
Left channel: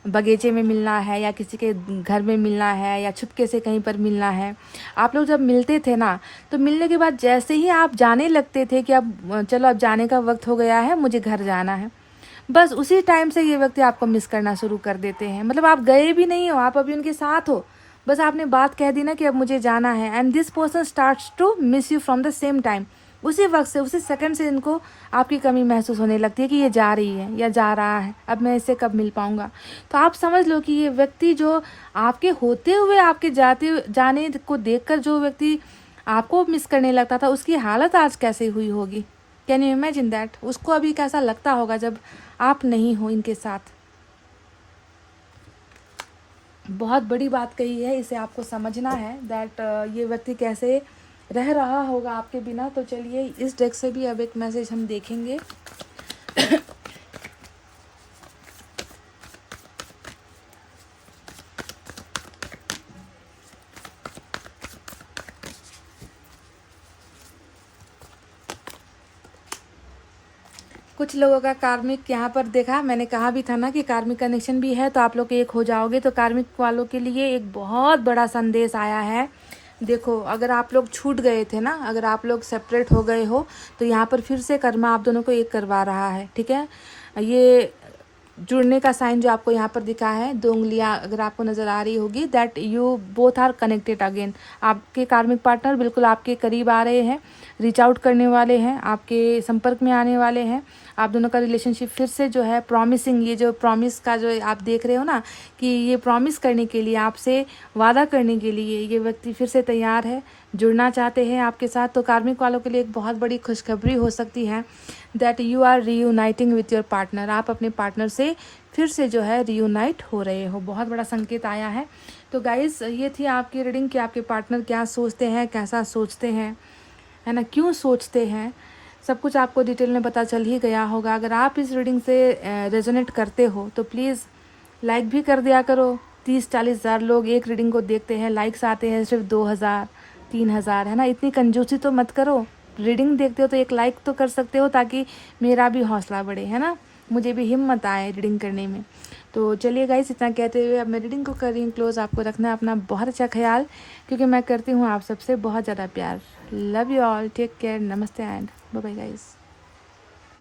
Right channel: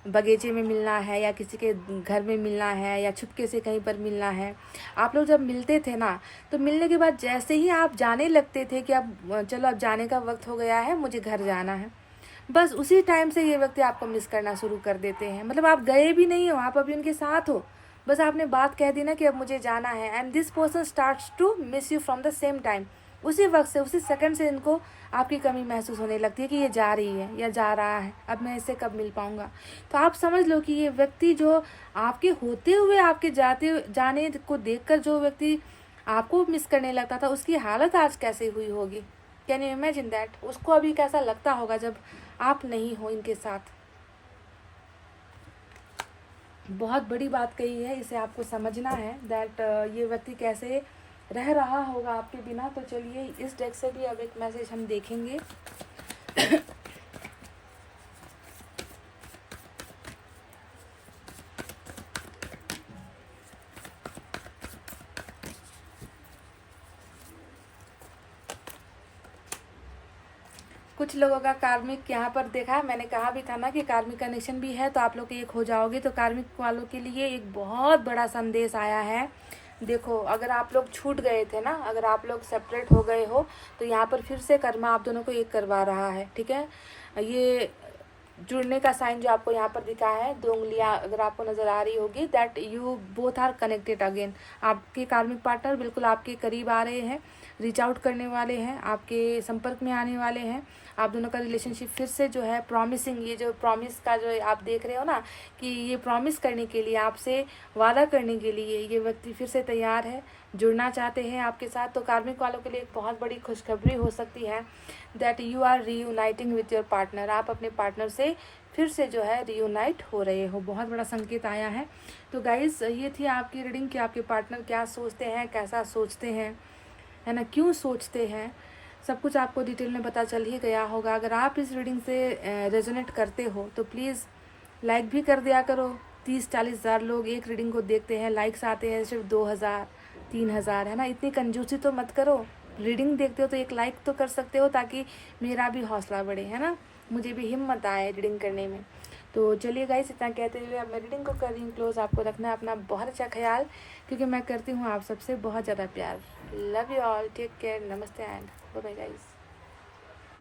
बगीचे में मिलना है या किसी के घर में मिलना है या छुपके से कहीं पर मिलना है, आप लोग जब मिलते थे ना, तो मिलने के बाद जैसे ही आप जाने लगते थे कि अब चलो अब जाने का वक्त हो गया है, मुझे घर जाना है, बस उसी टाइम से ये व्यक्ति आपको मिस करना शुरू कर देते हैं। मतलब आप गए भी नहीं हो, आप अभी उनके साथ हो, बस आपने बात कह दी ना कि अब मुझे जाना है, and this person starts to miss you from the same time. उसी वक्त से, उसी सेकंड से इनको आपकी कमी महसूस होने लगती है कि ये जा रही है या जा रहा है, अब मैं इससे कब मिल पाऊंगा। तो आप समझ लो कि ये व्यक्ति जो आपके होते हुए आपके जाने को देखकर जो व्यक्ति आपको मिस करने लगता था, उसकी हालत आज कैसे हुई होगी। Can you imagine that? उसको अभी कैसा लगता होगा जब आप नहीं हो इनके साथ। बहुत बड़ी बात कही है, इसे आपको समझना है दैट ये व्यक्ति कैसे रह रहा होगा आपके बिना। तो चलिए इस डेक से भी अब एक मैसेज हम देखेंगे। कुछ लोगों का कार्मिक यहाँ पर देखा, मैंने कहा भी था ना कि कार्मिक कनेक्शन भी है तो आप लोग एक हो जाओगे। तो कार्मिक वालों के लिए एक बहुत बड़ा संदेश आया है। देखो, अगर आप लोग छूट गए थे ना, अगर आप लोग सेपरेट हो गए हो, तो यहाँ पर फिर से कर्मा आप दोनों को एक करवा रहा है, ठीक है। ये जुड़ने का साइन जो आपको यहाँ पर दिखा है, 2 उंगलियाँ अगर आपको नज़र आ रही होगी, that you both are connected again. आपके कार्मिक पार्टनर बिल्कुल आपके करीब आ रहे हैं, रीच आउट करने वाले हैं, आपके संपर्क में आने वाले हैं। आप दोनों का रिलेशनशिप फिर से जो है प्रॉमिसिंग, ये जो प्रॉमिस का जो आप देख रहे हो ना कि ये प्रॉमिस करने के लिए, आपसे वादा करने के लिए ये व्यक्ति फिर से तैयार है, जुड़ना चाहते हैं आपके साथ। तो कार्मिक वालों के लिए एक बहुत बड़ी खुशखबरी हो सकती है that you are reuniting with your partner. आप अपने पार्टनर से फिर से जो है रीयूनाइट हो रहे हो, बहुत बड़ा संकेत आया है। तो गाइस, ये थी आपकी रीडिंग कि आपके पार्टनर क्या सोचते हैं, कैसा सोचते हैं, है ना, क्यों सोचते हैं, सब कुछ आपको डिटेल में पता चल ही गया होगा। अगर आप इस रीडिंग से रेजोनेट करते हो तो प्लीज़ लाइक भी कर दिया करो। 30-40 हज़ार लोग एक रीडिंग को देखते हैं, लाइक्स आते हैं सिर्फ 2000 3000, है ना। इतनी कंजूसी तो मत करो। रीडिंग देखते हो तो एक लाइक तो कर सकते हो ताकि मेरा भी हौसला बढ़े, है ना, मुझे भी हिम्मत आए रीडिंग करने में। तो चलिए गाइस, इतना कहते हुए अब मैं रीडिंग को कर रही हूँ क्लोज। आपको रखना है अपना बहुत अच्छा ख्याल, क्योंकि मैं करती हूँ आप सबसे बहुत ज़्यादा प्यार। Love you all, take care, नमस्ते एंड बाय बाय गाइस।